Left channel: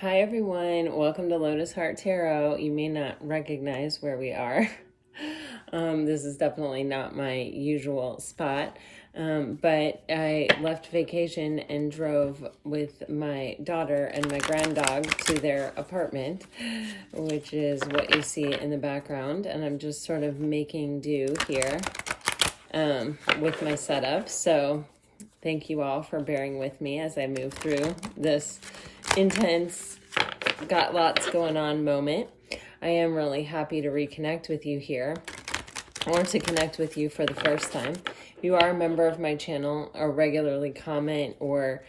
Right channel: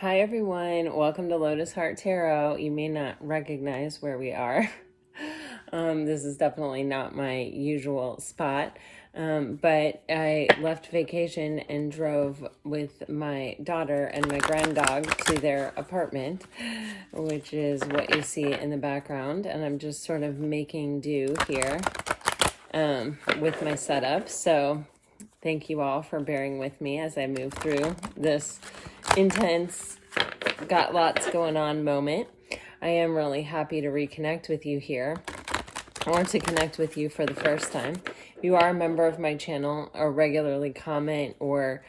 Hi everyone, welcome to Lotus Heart Tarot. You may not recognize where we are. This is definitely not my usual spot, but I left vacation and drove with my daughter and my granddog to their apartment, which is what you see in the background, and I'm just sort of making do here with my setup. So thank you all for bearing with me as I move through this intense, got lots going on moment. I am really happy to reconnect with you here, or to connect with you for the first time. If you are a member of my channel or regularly comment, or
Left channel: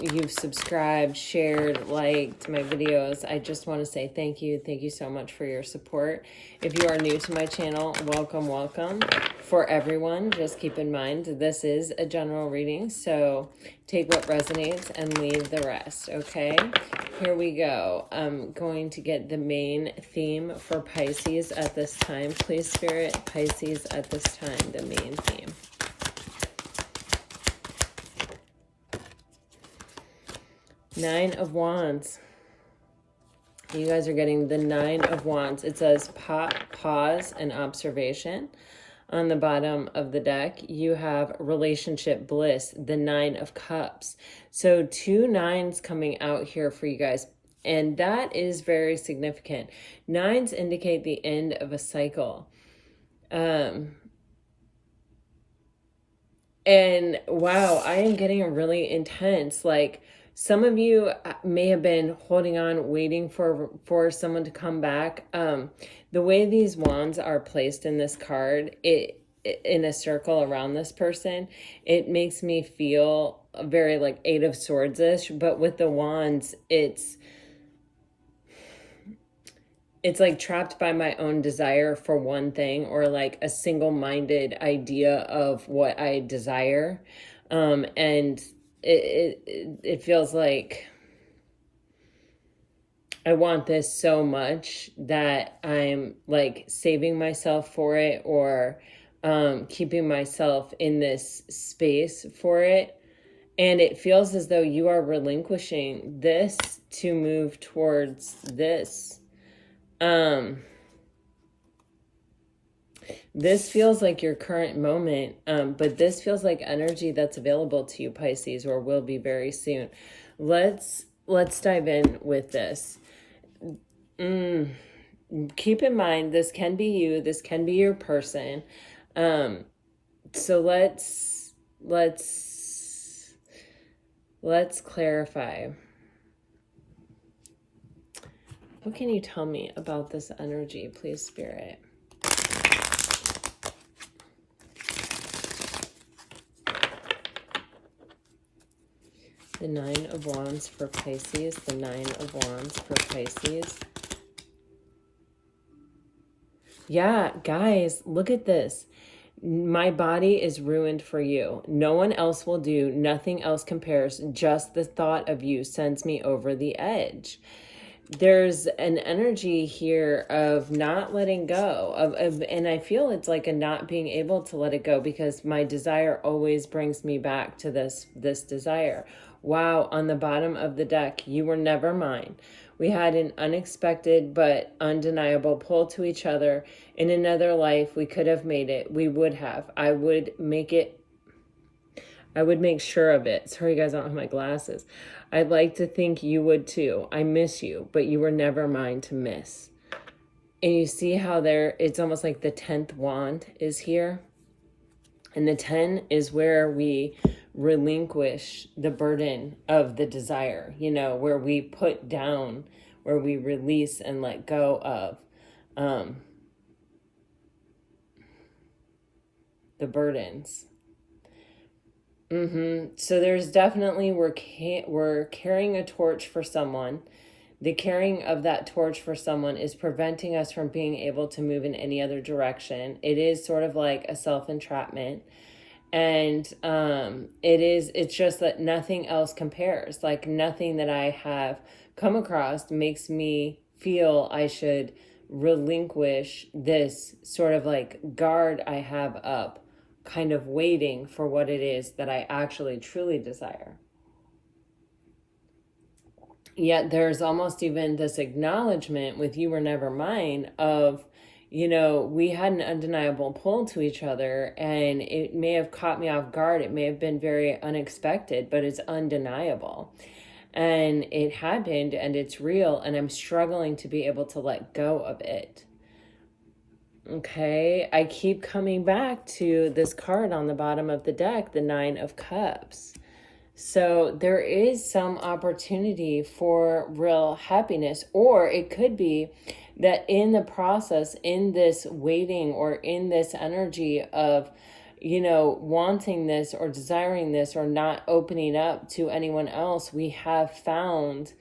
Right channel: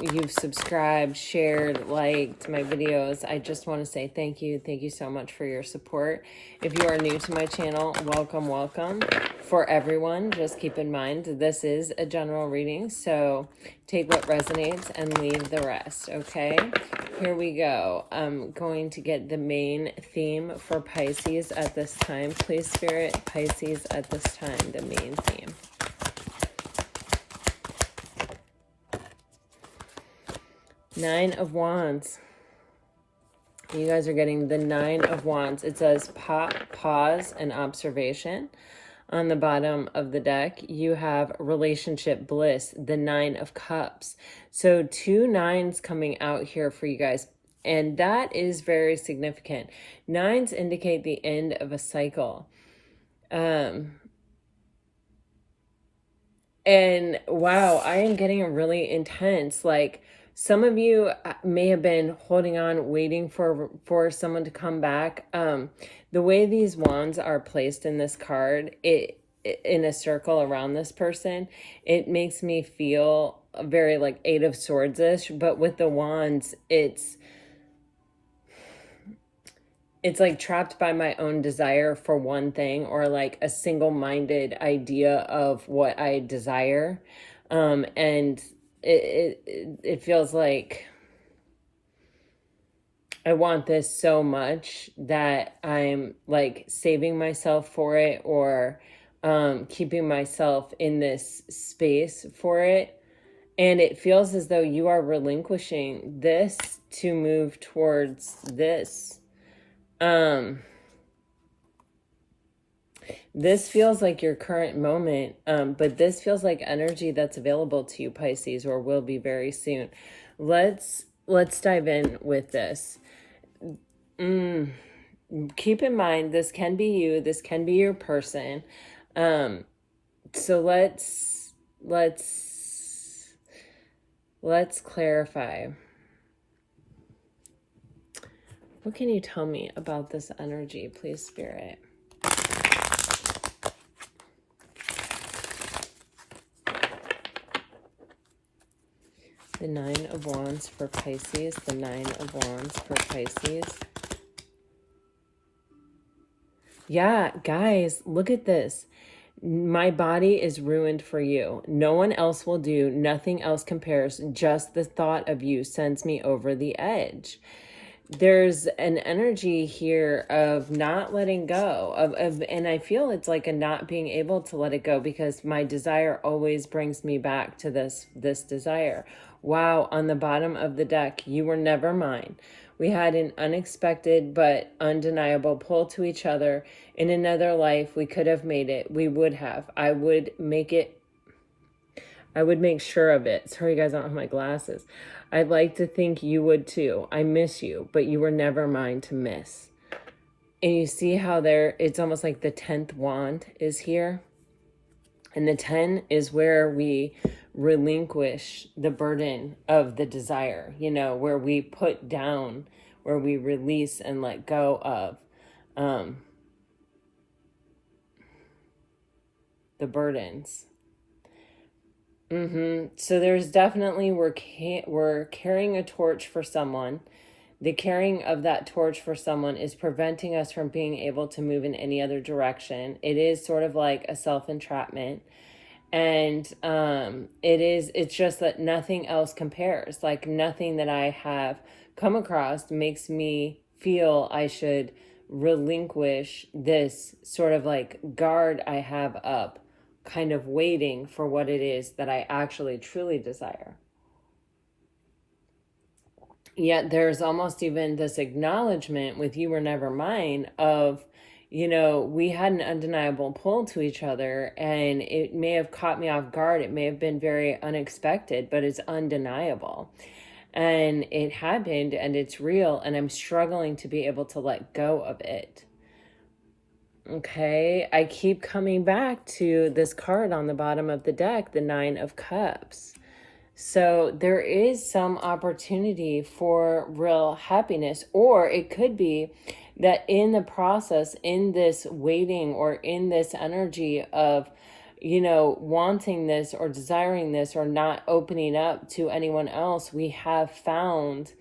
you've subscribed, shared, liked my videos, I just want to say thank you. Thank you so much for your support. If you are new to my channel, welcome, welcome. For everyone, just keep in mind, this is a general reading, so take what resonates and leave the rest, okay? Here we go. I'm going to get the main theme for Pisces at this time. Please, Spirit, Pisces at this time, the main theme. Nine of Wands. You guys are getting the Nine of Wands. It says pause and observation. On the bottom of the deck, you have relationship bliss, the Nine of Cups. So 2 nines coming out here for you guys. And that is very significant. Nines indicate the end of a cycle. And wow, I am getting really intense. Like, some of you may have been holding on, waiting for someone to come back. The way these wands are placed in this card, in a circle around this person, it makes me feel very like Eight of Swords-ish. But with the wands, it's like trapped by my own desire for one thing, or like a single-minded idea of what I desire. And it feels like I want this so much that I'm like saving myself for it, or keeping myself in this space for it. And it feels as though you are relinquishing this to move towards this. This feels like your current moment, but this feels like energy that's available to you, Pisces, or will be very soon. Let's dive in with this. Keep in mind, this can be you, this can be your person. So let's clarify. What can you tell me about this energy, please, Spirit? The Nine of Wands for Pisces, the Nine of Wands for Pisces. Yeah, guys, look at this. My body is ruined for you. No one else will do. Nothing else compares. Just the thought of you sends me over the edge. There's an energy here of not letting go, and I feel it's like a not being able to let it go, because my desire always brings me back to this desire. Wow, on the bottom of the deck, you were never mine. We had an unexpected but undeniable pull to each other. In another life, we could have made it. We would have. I would make sure of it. Sorry, guys, I don't have my glasses. I'd like to think you would too. I miss you, but you were never mine to miss. And you see how it's almost like the 10th wand is here. And the 10 is where we relinquish the burden of the desire, where we put down, where we release and let go of the burdens. So there's definitely, we're carrying a torch for someone. The carrying of that torch for someone is preventing us from being able to move in any other direction. It is sort of like a self-entrapment. And it's just that nothing else compares. Like, nothing that I have come across makes me feel I should relinquish this sort of like guard I have up, kind of waiting for what it is that I actually truly desire. Yet there's almost even this acknowledgement with "you were never mine" of, we had an undeniable pull to each other, and it may have caught me off guard. It may have been very unexpected, but it's undeniable. And it happened, and it's real, and I'm struggling to be able to let go of it. Okay, I keep coming back to this card on the bottom of the deck, the Nine of Cups. So there is some opportunity for real happiness, or it could be that in the process, in this waiting or in this energy of, wanting this or desiring this or not opening up to anyone else, we have found,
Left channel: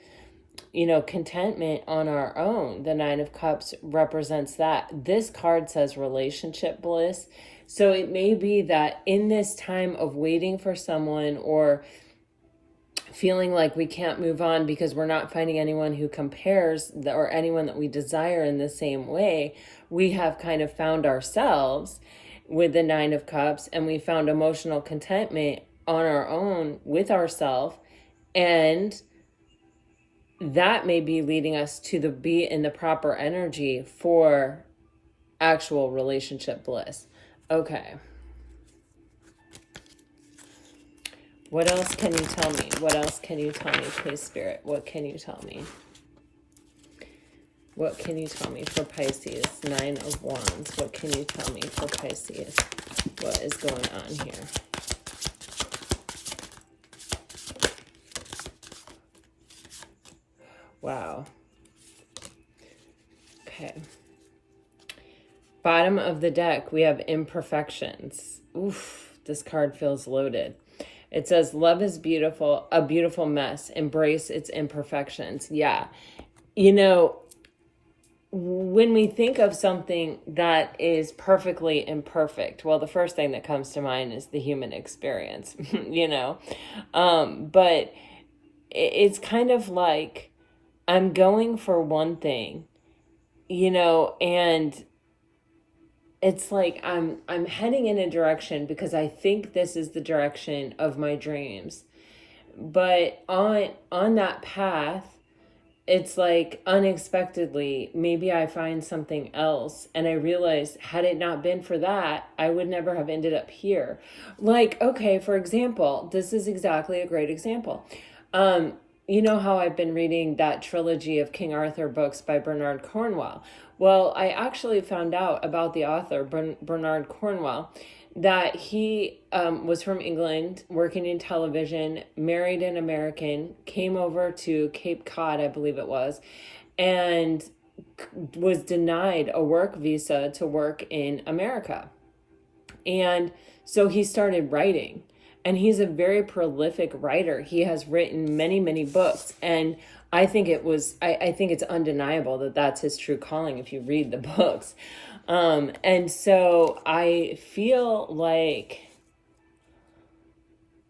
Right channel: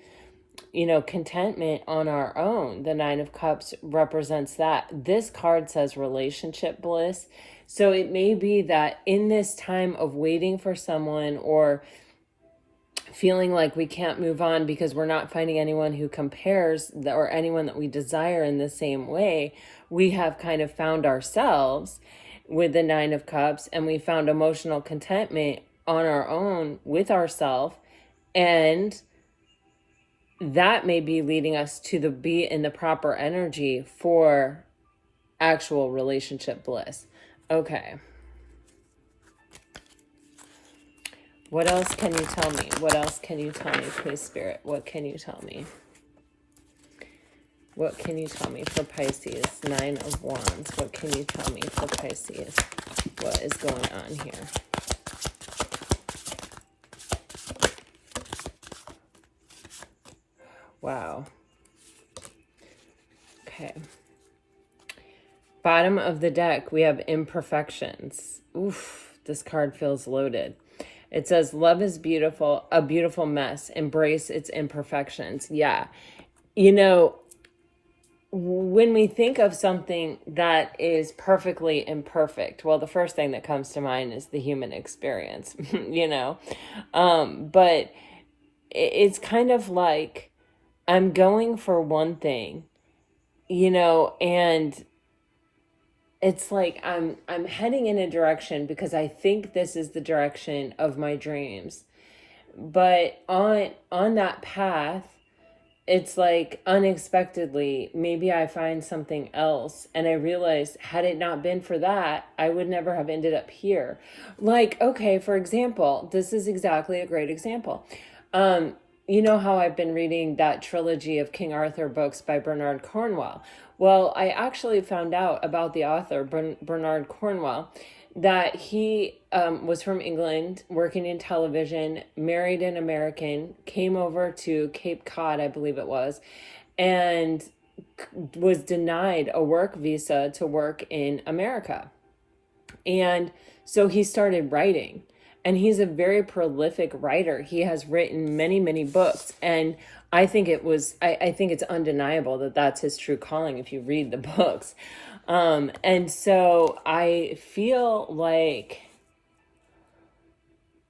contentment on our own. The Nine of Cups represents that. This card says relationship bliss. So it may be that in this time of waiting for someone or feeling like we can't move on because we're not finding anyone who compares or anyone that we desire in the same way, we have kind of found ourselves with the Nine of Cups, and we found emotional contentment on our own with ourselves, and that may be leading us to be in the proper energy for actual relationship bliss. Okay. What else can you tell me? What else can you tell me, please, Spirit? What can you tell me? What can you tell me for Pisces? Nine of Wands. What can you tell me for Pisces? What is going on here? Wow. Okay. Bottom of the deck, we have imperfections. Oof, this card feels loaded. It says, love is beautiful, a beautiful mess. Embrace its imperfections. Yeah. When we think of something that is perfectly imperfect, well, the first thing that comes to mind is the human experience, but it's kind of like I'm going for one thing, and it's like I'm heading in a direction because I think this is the direction of my dreams. But on that path, it's like unexpectedly, maybe I find something else, and I realize had it not been for that, I would never have ended up here. Like, okay, for example, this is exactly a great example. You know how I've been reading that trilogy of King Arthur books by Bernard Cornwell? Well, I actually found out about the author, Bernard Cornwell, that he was from England, working in television, married an American, came over to Cape Cod, I believe it was, and was denied a work visa to work in America. And so he started writing. And he's a very prolific writer. He has written many, many books. And I think I think it's undeniable that that's his true calling if you read the books. And so I feel like,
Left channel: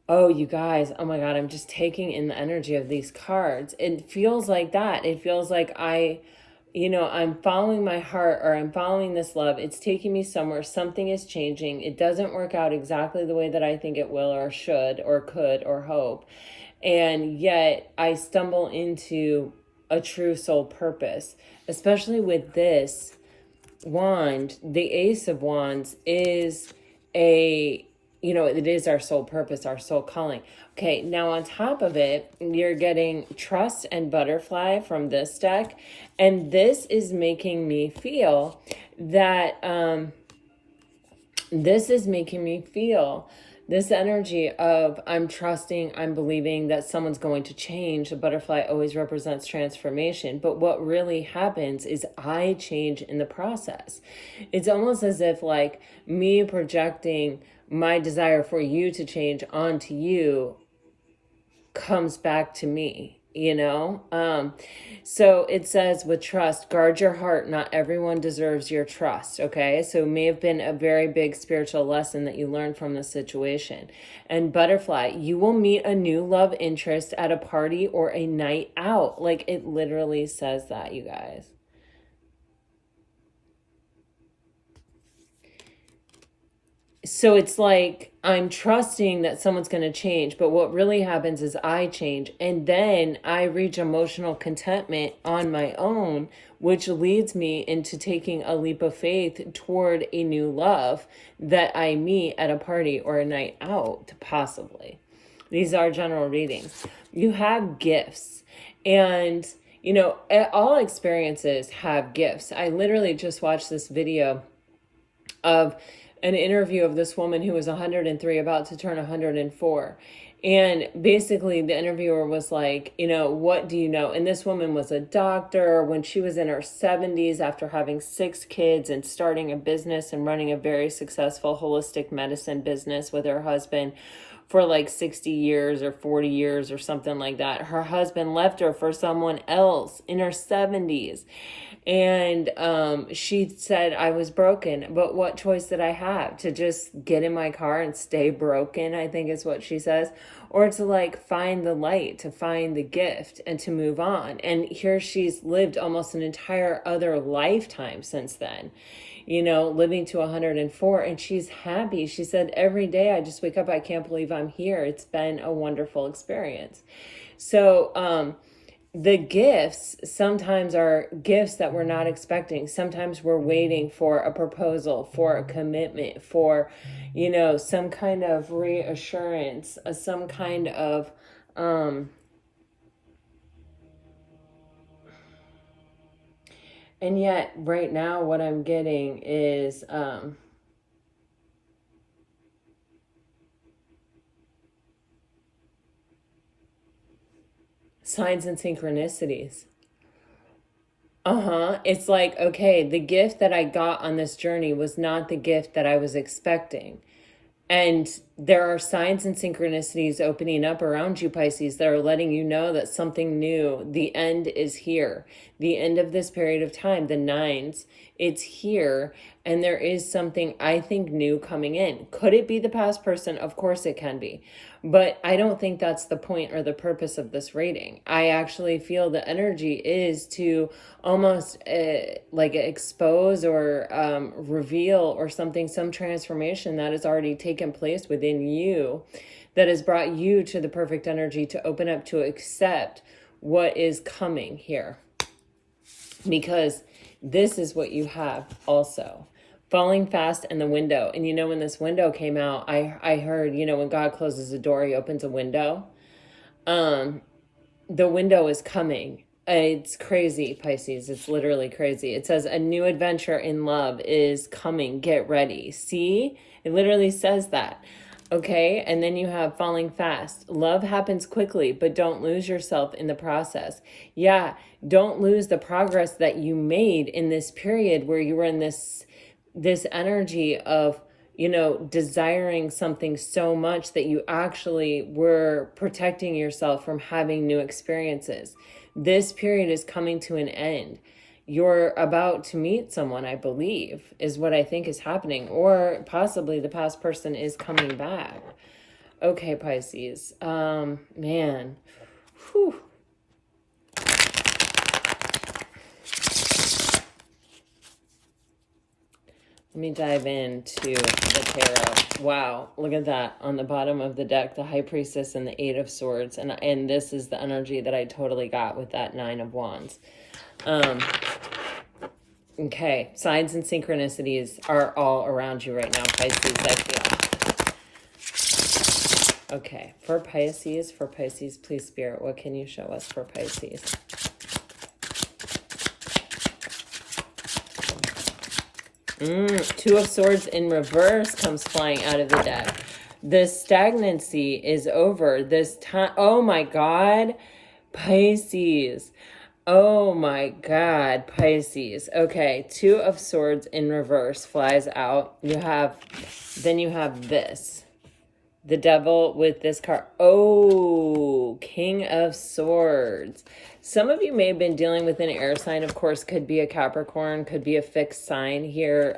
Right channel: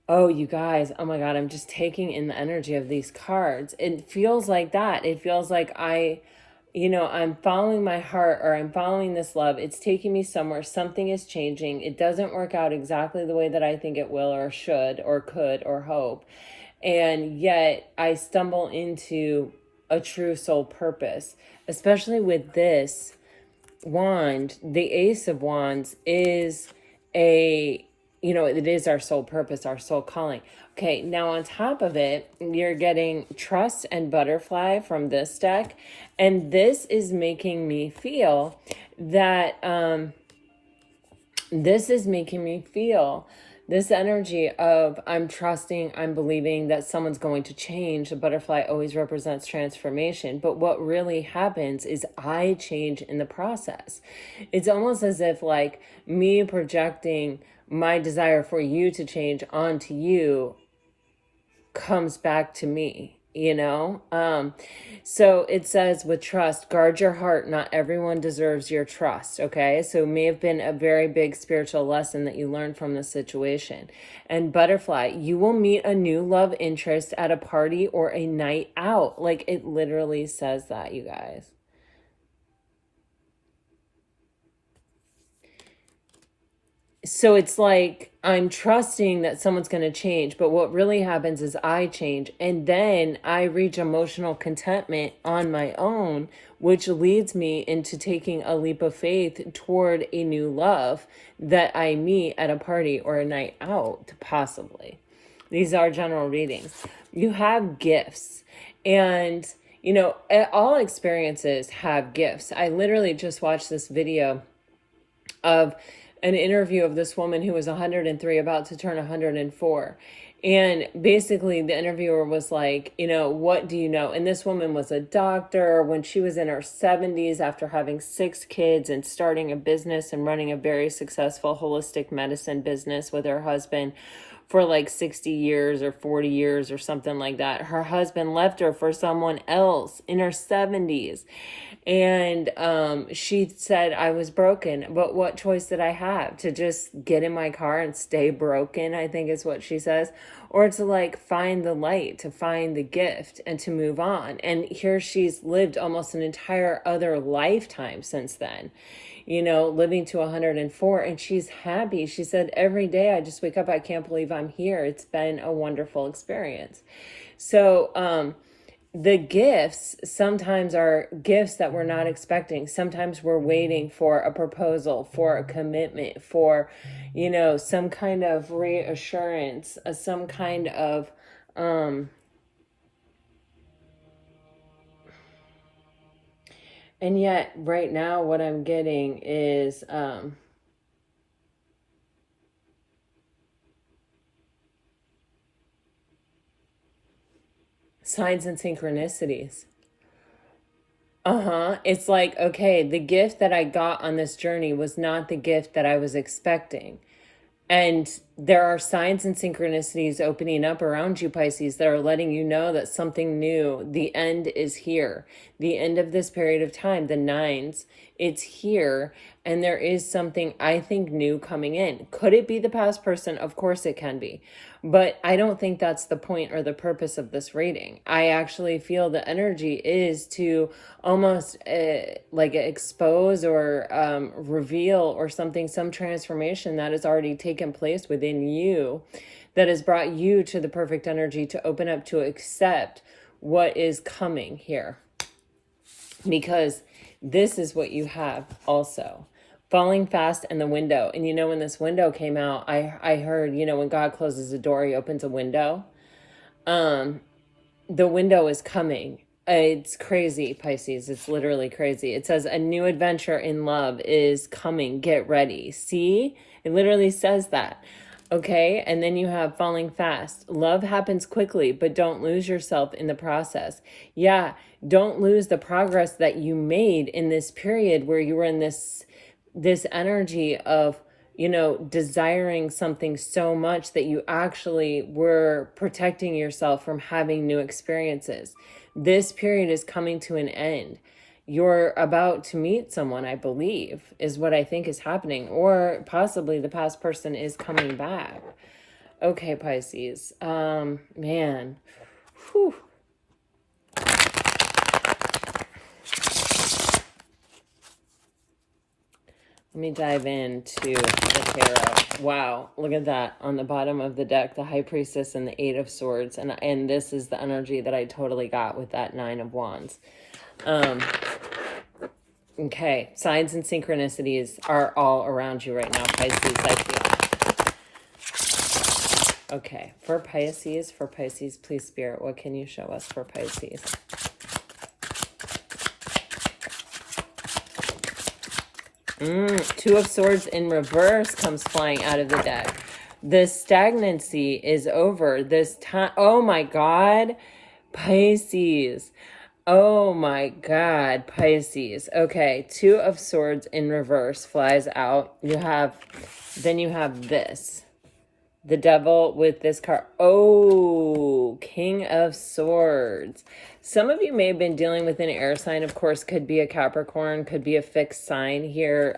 oh, you guys, oh my God, I'm just taking in the energy of these cards. It feels like that. It feels like I'm following my heart, or I'm following this love. It's taking me somewhere. Something is changing. It doesn't work out exactly the way that I think it will or should or could or hope. And yet I stumble into a true soul purpose, especially with this wand. The Ace of Wands is it is our soul purpose, our soul calling. Okay, now on top of it, you're getting Trust and Butterfly from this deck. And this is making me feel that, this energy of I'm trusting, I'm believing that someone's going to change. The butterfly always represents transformation. But what really happens is I change in the process. It's almost as if like me projecting my desire for you to change onto you comes back to me, so it says with trust, guard your heart. Not everyone deserves your trust. Okay. So it may have been a very big spiritual lesson that you learned from this situation. And butterfly, you will meet a new love interest at a party or a night out. Like it literally says that, you guys. So it's like I'm trusting that someone's going to change, but what really happens is I change, and then I reach emotional contentment on my own, which leads me into taking a leap of faith toward a new love that I meet at a party or a night out, possibly. These are general readings. You have gifts, and you know, all experiences have gifts. I literally just watched this video of an interview of this woman who was 103, about to turn 104. And basically the interviewer was like, you know, what do you know? And this woman was a doctor when she was in her 70s after having 6 kids and starting a business and running a very successful holistic medicine business with her husband for like 60 years or 40 years or something like that. Her husband left her for someone else in her 70s. And she said, I was broken, but what choice did I have? To just get in my car and stay broken, I think is what she says, or to like find the light, to find the gift and to move on. And here she's lived almost an entire other lifetime since then, you know, living to 104, and she's happy. She said, every day I just wake up, I can't believe I'm here. It's been a wonderful experience. So, the gifts sometimes are gifts that we're not expecting. Sometimes we're waiting for a proposal, for a commitment, for, you know, some kind of reassurance, some kind of, and yet right now what I'm getting is, signs and synchronicities. It's like, okay, the gift that I got on this journey was not the gift that I was expecting. And there are signs and synchronicities opening up around you, Pisces, that are letting you know that something new, the end is here. The end of this period of time, the 9s, it's here. And there is something, I think, new coming in. Could it be the past person? Of course it can be. But I don't think that's the point or the purpose of this reading. I actually feel the energy is to almost like expose or reveal or something, some transformation that has already taken place within you that has brought you to the perfect energy to open up, to accept what is coming here. Because this is what you have also. Falling fast in the window. And you know, when this window came out, I heard, you know, when God closes a door, he opens a window. The window is coming. It's crazy, Pisces. It's literally crazy. It says a new adventure in love is coming. Get ready. See? It literally says that. Okay, and then you have falling fast. Love happens quickly, but don't lose yourself in the process. Yeah, don't lose the progress that you made in this period where you were in this energy of, you know, desiring something so much that you actually were protecting yourself from having new experiences. This period is coming to an end. You're about to meet someone, I believe, is what I think is happening. Or possibly the past person is coming back. Okay, Pisces. Man. Whew. Let me dive into the tarot. Wow, look at that. On the bottom of the deck, the High Priestess and the 8 of Swords. And this is the energy that I totally got with that 9 of Wands. Okay, signs and synchronicities are all around you right now, Pisces, I feel. Okay, for Pisces, please, Spirit, what can you show us for Pisces? Two of Swords in reverse comes flying out of the deck. The stagnancy is over. This time, oh my God, Pisces. Oh my God, Pisces. Okay, 2 of Swords in reverse flies out. Then you have this. The Devil with this card. Oh, King of Swords. Some of you may have been dealing with an air sign. Of course, could be a Capricorn, could be a fixed sign here.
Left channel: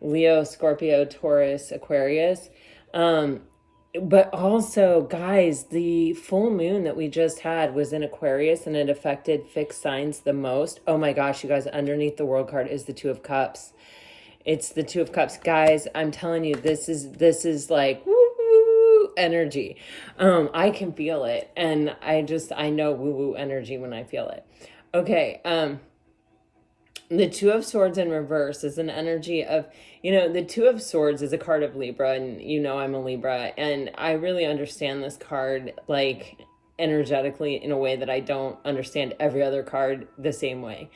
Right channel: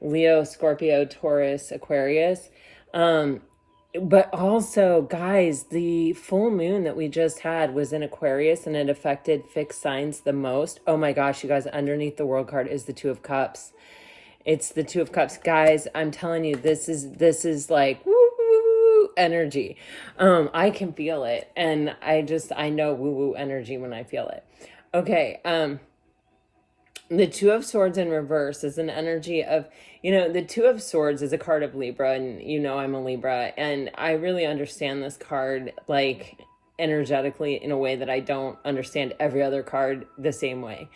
Leo, Scorpio, Taurus, Aquarius. But also, guys, the full moon that we just had was in Aquarius, and it affected fixed signs the most. Oh my gosh, you guys, underneath the World card is the 2 of Cups. It's the 2 of Cups. Guys, I'm telling you, this is like, woo, energy. I can feel it. And I know woo-woo energy when I feel it. Okay. The Two of Swords in reverse is an energy of, the Two of Swords is a card of Libra, and I'm a Libra, and I really understand this card, like, energetically in a way that I don't understand every other card the same way.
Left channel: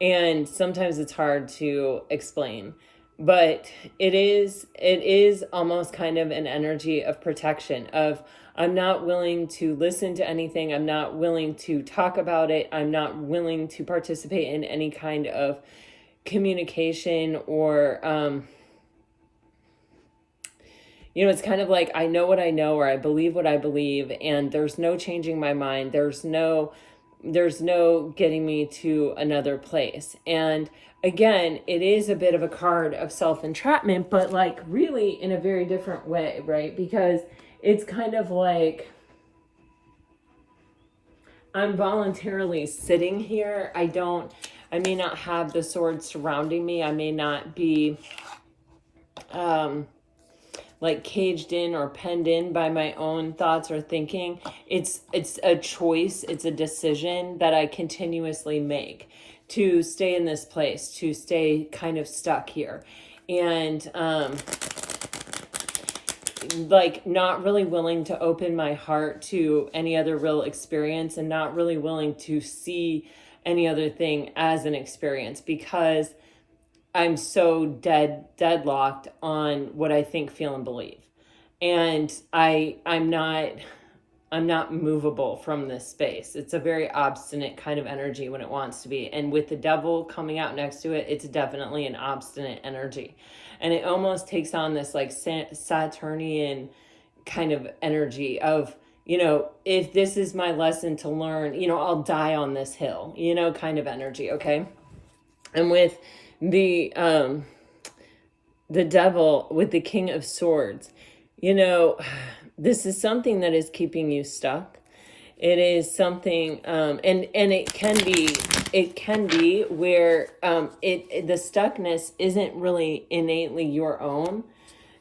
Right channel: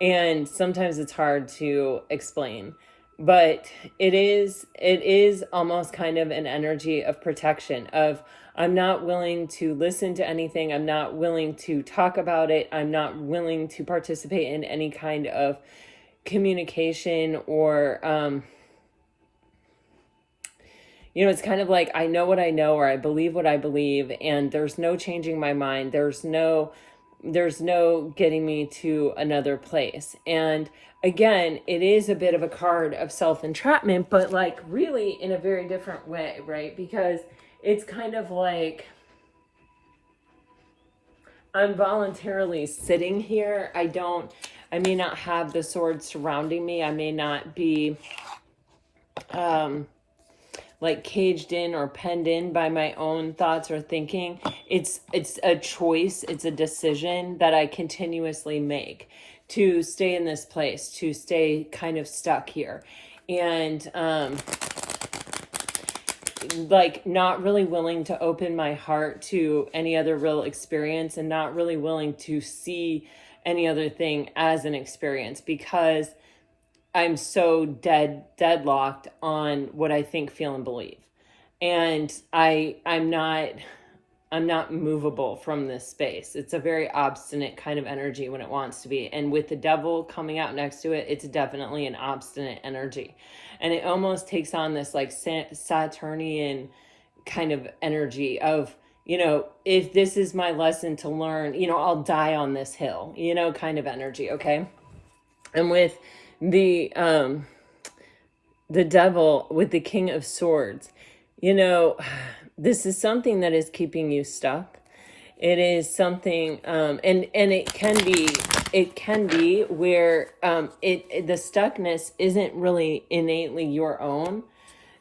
And sometimes it's hard to explain. But it is almost kind of an energy of protection, of I'm not willing to listen to anything. I'm not willing to talk about it. I'm not willing to participate in any kind of communication or, it's kind of like, I know what I know, or I believe what I believe, and there's no changing my mind. There's no getting me to another place. And again, it is a bit of a card of self-entrapment, but like really in a very different way, right? Because it's kind of like I'm voluntarily sitting here. I may not have the sword surrounding me. I may not be like caged in or penned in by my own thoughts or thinking. It's a choice. It's a decision that I continuously make to stay in this place, to stay kind of stuck here. And like not really willing to open my heart to any other real experience, and not really willing to see any other thing as an experience, because I'm so deadlocked on what I think, feel, and believe. And I'm not movable from this space. It's a very obstinate kind of energy when it wants to be. And with the devil coming out next to it, it's definitely an obstinate energy. And it almost takes on this like Saturnian kind of energy of, if this is my lesson to learn, I'll die on this hill, kind of energy. Okay. And with the devil, with the King of Swords, this is something that is keeping you stuck. It is something, and it can be where the stuckness isn't really innately your own.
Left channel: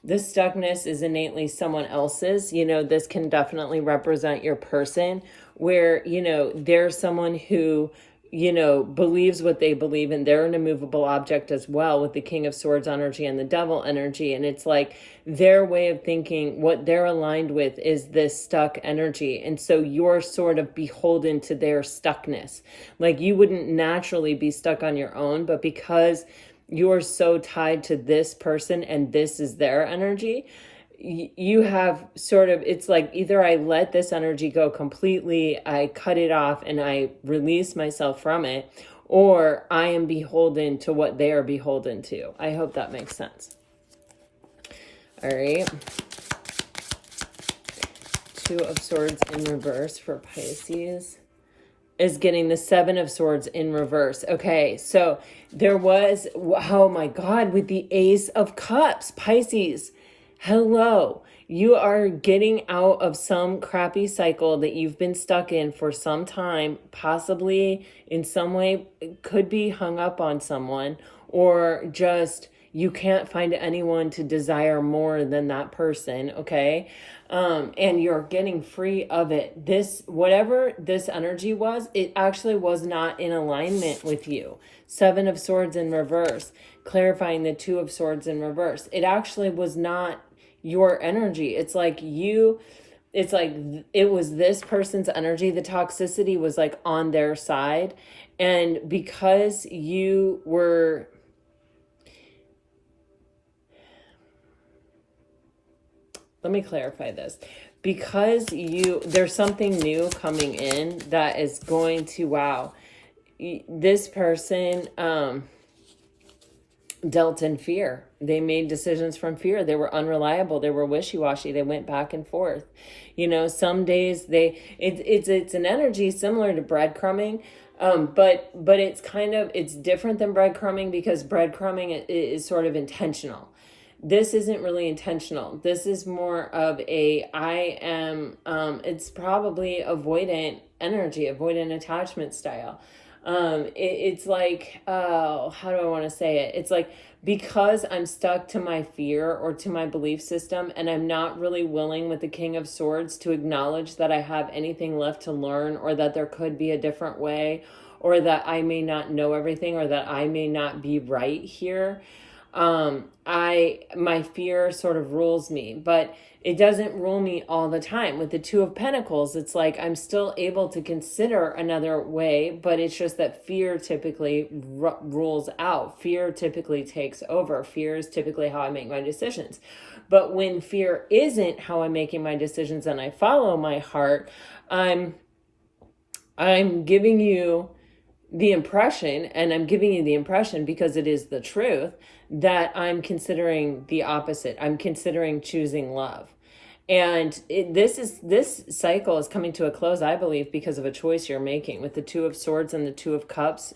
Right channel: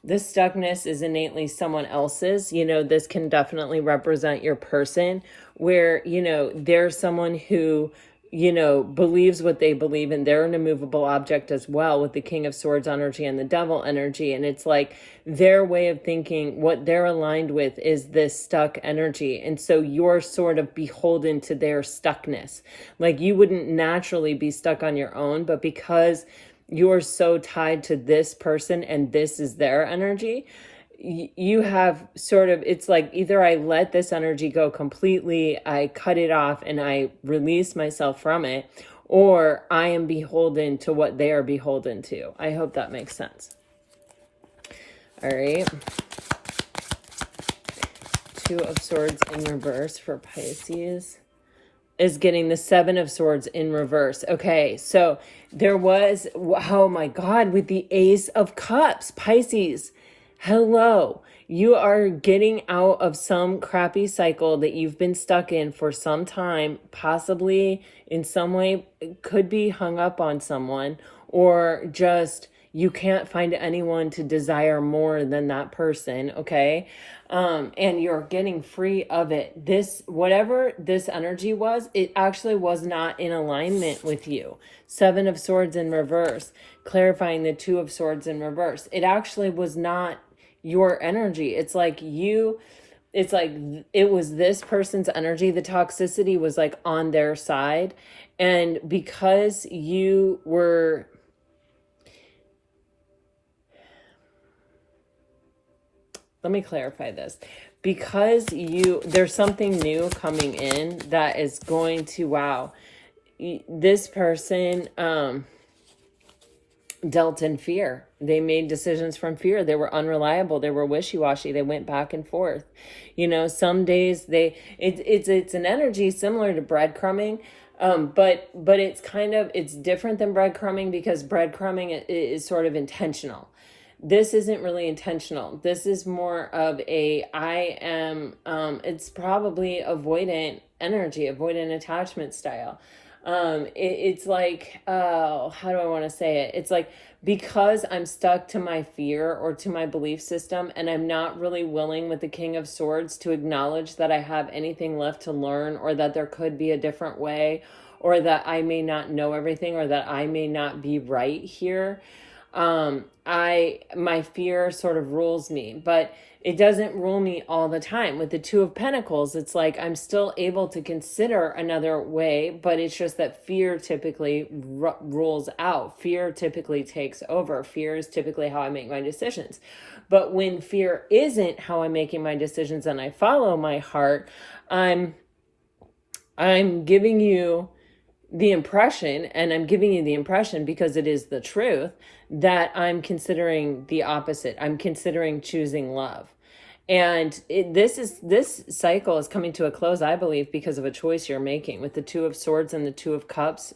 The stuckness is innately someone else's. This can definitely represent your person, where there's someone who believes what they believe, and they're an immovable object as well, with the King of Swords energy and the devil energy. And it's like their way of thinking, what they're aligned with is this stuck energy. And so you're sort of beholden to their stuckness. Like you wouldn't naturally be stuck on your own, but because you're so tied to this person and this is their energy, you have sort of, it's like either I let this energy go completely, I cut it off and I release myself from it, or I am beholden to what they are beholden to. I hope that makes sense. All right. Two of Swords in reverse for Pisces is getting the Seven of Swords in reverse. Okay, so there was, oh my God, with the Ace of Cups, Pisces. Hello, you are getting out of some crappy cycle that you've been stuck in for some time, possibly in some way. It could be hung up on someone, or just you can't find anyone to desire more than that person, okay? And you're getting free of it. This, whatever this energy was, it actually was not in alignment with you. Seven of Swords in reverse, clarifying the Two of Swords in reverse. It actually was not your energy. It's like it was this person's energy. The toxicity was like on their side. And because you were, let me clarify this. Because there's something new coming in that is going to, wow, this person, dealt in fear. They made decisions from fear. They were unreliable. They were wishy-washy. They went back and forth. Some days it's an energy similar to breadcrumbing. But it's different than breadcrumbing, because breadcrumbing is sort of intentional. This isn't really intentional. This is more of it's probably avoidant energy, avoidant attachment style. It's like, how do I want to say it? It's like, because I'm stuck to my fear or to my belief system, and I'm not really willing with the King of Swords to acknowledge that I have anything left to learn, or that there could be a different way, or that I may not know everything, or that I may not be right here. My fear sort of rules me, but it doesn't rule me all the time. With the Two of Pentacles, it's like I'm still able to consider another way, but it's just that fear typically rules out. Fear typically takes over. Fear is typically how I make my decisions. But when fear isn't how I'm making my decisions and I follow my heart, I'm giving you the impression, and I'm giving you the impression because it is the truth, that I'm considering the opposite. I'm considering choosing love. And this cycle is coming to a close, I believe, because of a choice you're making with the Two of Swords and the Two of Cups.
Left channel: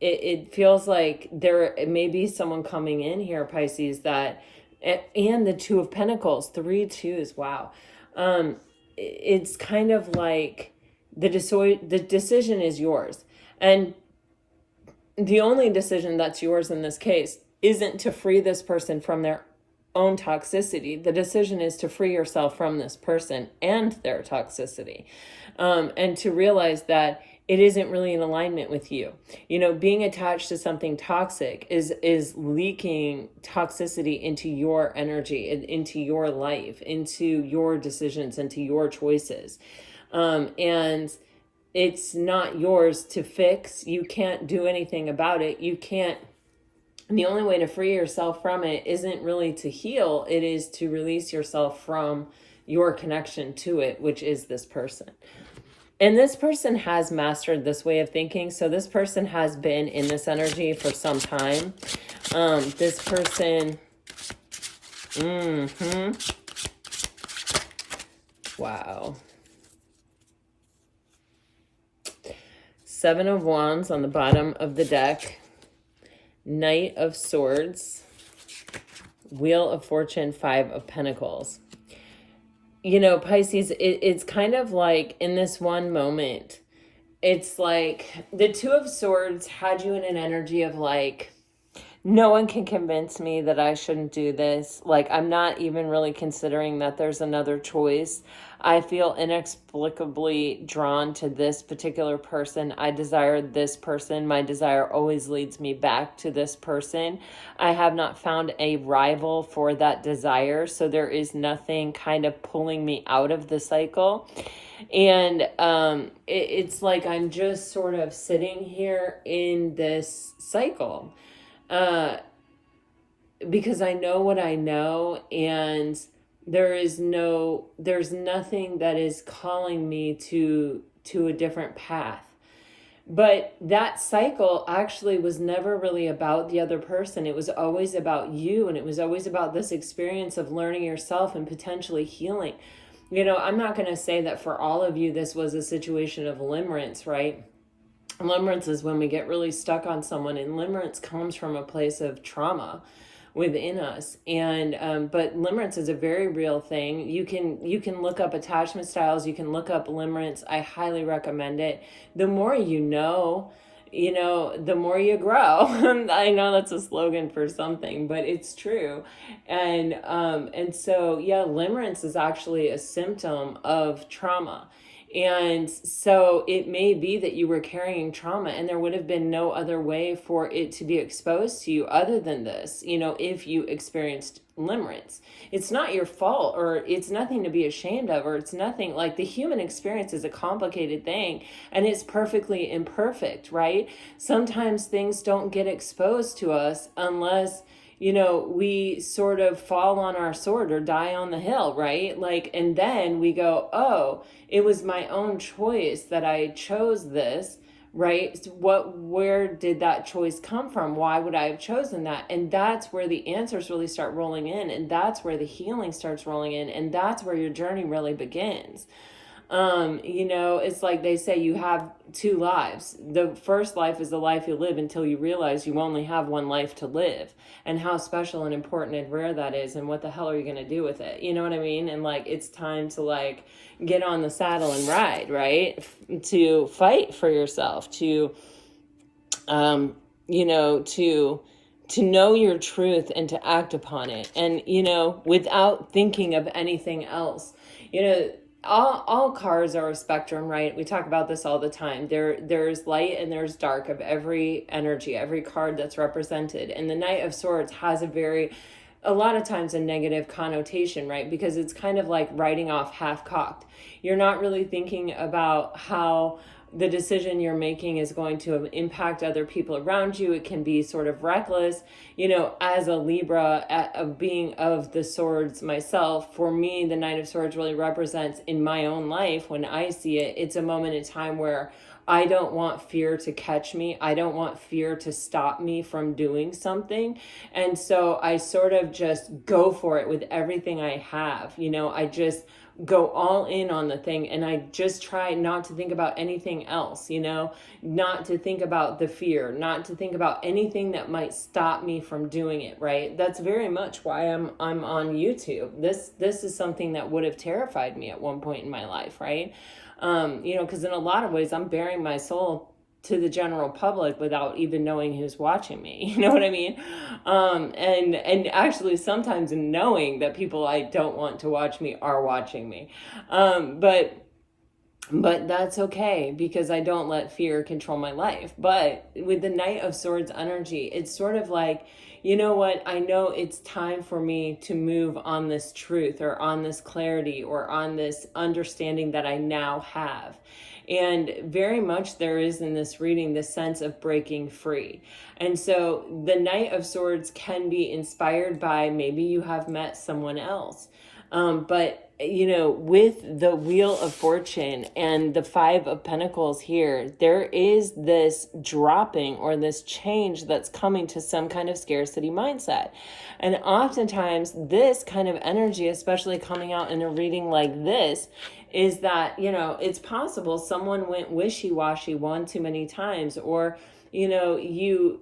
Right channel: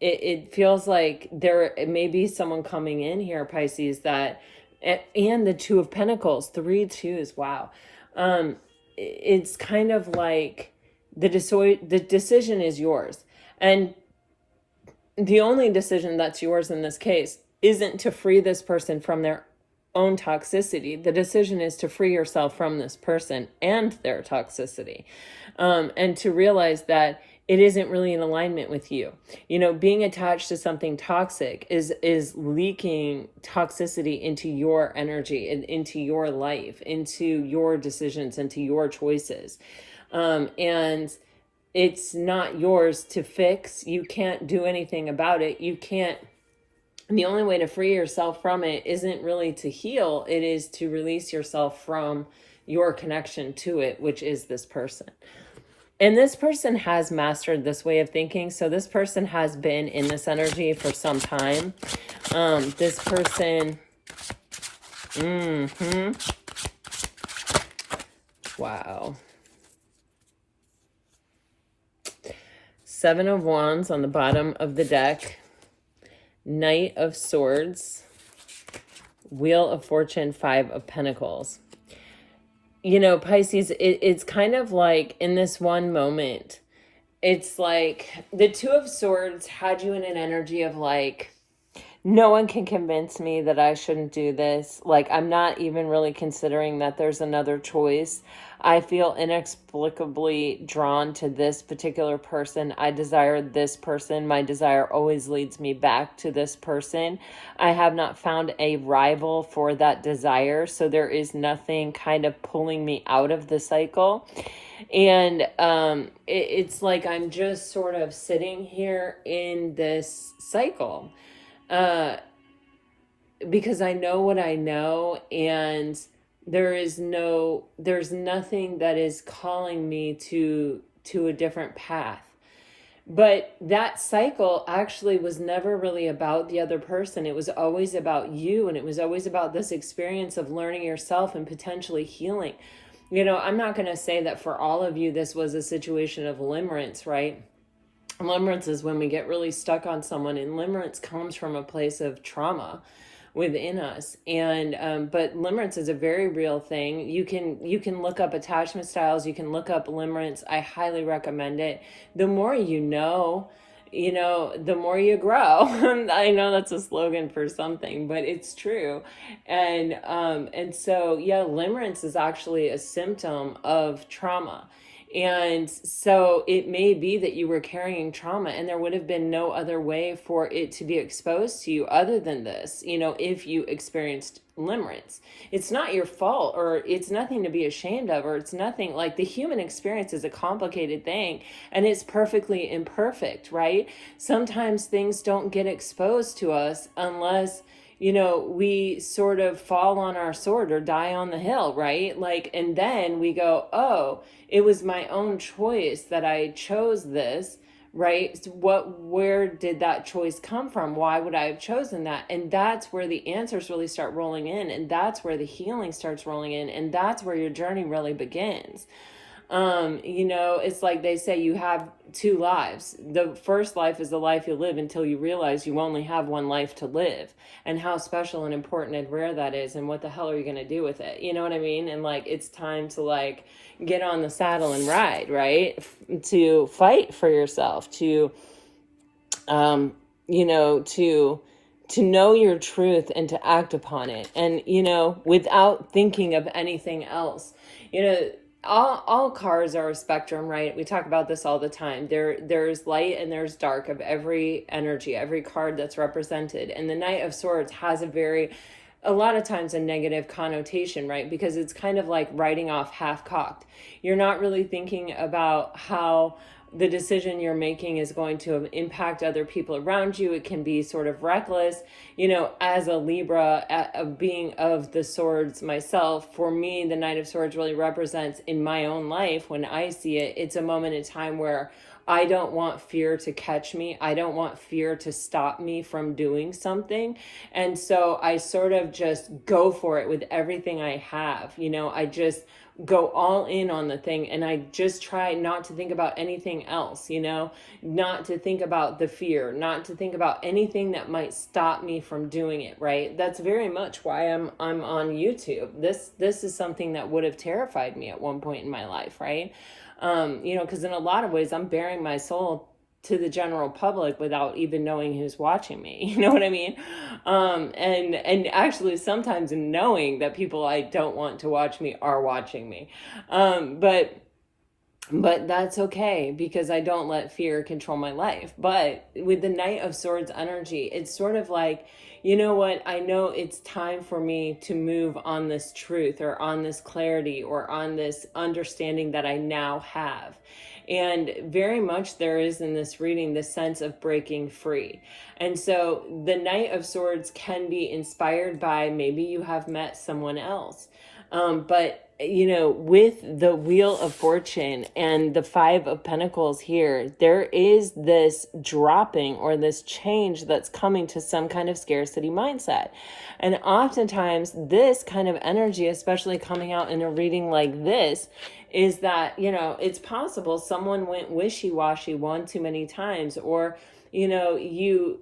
It feels like there may be someone coming in here, Pisces, that, and the Two of Pentacles, 3 twos, wow. It's kind of like the decision is yours. And the only decision that's yours in this case isn't to free this person from their own toxicity. The decision is to free yourself from this person and their toxicity, and to realize that it isn't really in alignment with you. You know, being attached to something toxic is leaking toxicity into your energy and into your life, into your decisions, into your choices. And it's not yours to fix. You can't do anything about it. You can't. The only way to free yourself from it isn't really to heal. It is to release yourself from your connection to it, which is this person. And this person has mastered this way of thinking. So this person has been in this energy for some time. This person, wow. 7 of Wands on the bottom of the deck. Knight of Swords, Wheel of Fortune, 5 of Pentacles. You know, Pisces, it's kind of like in this one moment, it's like the Two of Swords had you in an energy of like, no one can convince me that I shouldn't do this. Like, I'm not even really considering that there's another choice. I feel inexplicably drawn to this particular person. I desire this person. My desire always leads me back to this person. I have not found a rival for that desire, so there is nothing kind of pulling me out of the cycle. And it's like I'm just sort of sitting here in this cycle. Because I know what I know, and there's nothing that is calling me to a different path. But that cycle actually was never really about the other person. It was always about you, and it was always about this experience of learning yourself and potentially healing. You know, I'm not going to say that for all of you this was a situation of limerence, right? Limerence is when we get really stuck on someone, and limerence comes from a place of trauma within us. And but limerence is a very real thing. You can look up attachment styles, you can look up limerence. I highly recommend it. The more you know, the more you grow. I know that's a slogan for something, but it's true. And so yeah, limerence is actually a symptom of trauma. And so it may be that you were carrying trauma, and there would have been no other way for it to be exposed to you other than this, if you experienced limerence. It's not your fault, or it's nothing to be ashamed of, or it's nothing. Like, the human experience is a complicated thing, and it's perfectly imperfect, right? Sometimes things don't get exposed to us unless we sort of fall on our sword or die on the hill, right? Like, and then we go, oh, it was my own choice that I chose this, right? So where did that choice come from? Why would I have chosen that? And that's where the answers really start rolling in. And that's where the healing starts rolling in. And that's where your journey really begins. You know, it's like they say you have two lives. The first life is the life you live until you realize you only have one life to live, and how special and important and rare that is, and what the hell are you going to do with it? You know what I mean? And like, it's time to like get on the saddle and ride, right? To fight for yourself, to, you know, to know your truth and to act upon it. And, you know, without thinking of anything else, you know, all cars are a spectrum, right? We talk about this all the time. There's light and there's dark of every energy, every card that's represented. And the Knight of Swords has a lot of times a negative connotation, right? Because it's kind of like writing off half-cocked. You're not really thinking about how the decision you're making is going to impact other people around you. It can be sort of reckless. You know, as a Libra, being of the swords myself, for me, the Knight of Swords really represents in my own life, when I see it, it's a moment in time where I don't want fear to catch me. I don't want fear to stop me from doing something. And so I sort of just go for it with everything I have. You know, I just go all in on the thing, and I just try not to think about anything else, you know, not to think about the fear, not to think about anything that might stop me from doing it, right? That's very much why I'm on YouTube. This is something that would have terrified me at one point in my life, right? You know, because in a lot of ways I'm bearing my soul to the general public without even knowing who's watching me. You know what I mean? And actually sometimes knowing that people I don't want to watch me are watching me. But that's okay, because I don't let fear control my life. But with the Knight of Swords energy, it's sort of like, you know what, I know it's time for me to move on this truth, or on this clarity, or on this understanding that I now have. And very much there is in this reading the sense of breaking free. And so the Knight of Swords can be inspired by, maybe you have met someone else. But, you know, with the Wheel of Fortune and the Five of Pentacles here, there is this dropping or this change that's coming to some kind of scarcity mindset. And oftentimes this kind of energy, especially coming out in a reading like this, is that, you know, it's possible someone went wishy-washy one too many times, or, you know, you're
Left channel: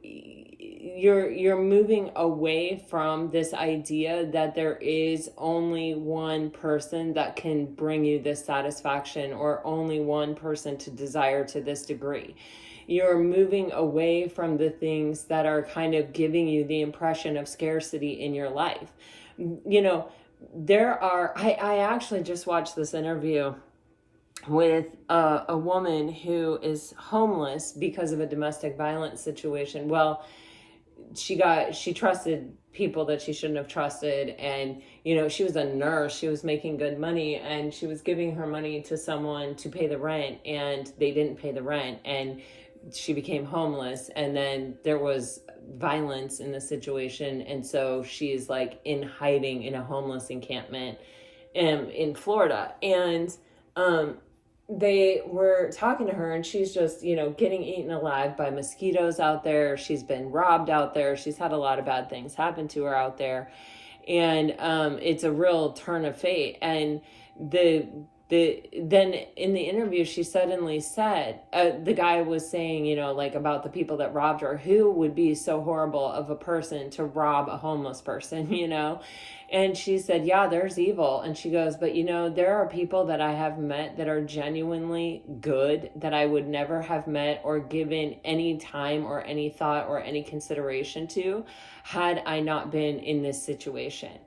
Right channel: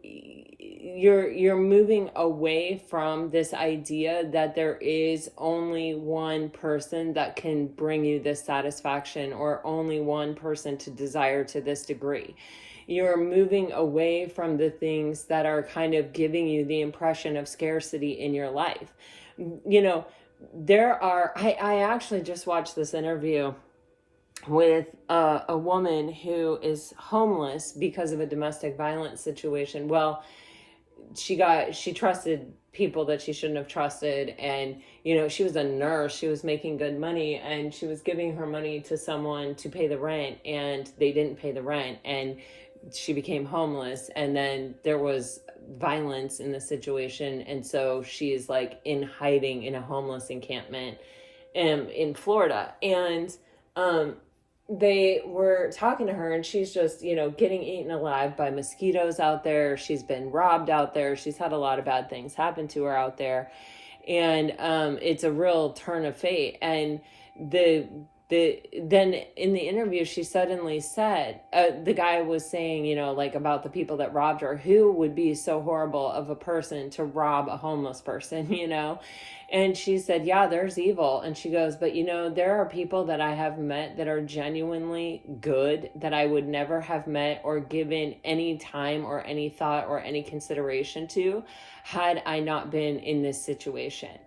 moving away from this idea that there is only one person that can bring you this satisfaction, or only one person to desire to this degree. You're moving away from the things that are kind of giving you the impression of scarcity in your life. You know, I actually just watched this interview with a woman who is homeless because of a domestic violence situation. Well, she trusted people that she shouldn't have trusted, and you know, she was a nurse, she was making good money, and she was giving her money to someone to pay the rent, and they didn't pay the rent, and she became homeless. And then there was violence in the situation, and so she's like in hiding in a homeless encampment in Florida. And they were talking to her, and she's just, you know, getting eaten alive by mosquitoes out there. She's been robbed out there. She's had a lot of bad things happen to her out there. And it's a real turn of fate. And then in the interview, she suddenly said, the guy was saying, you know, like about the people that robbed her, who would be so horrible of a person to rob a homeless person, you know? And she said, yeah, there's evil. And she goes, but you know, there are people that I have met that are genuinely good, that I would never have met or given any time or any thought or any consideration to had I not been in this situation.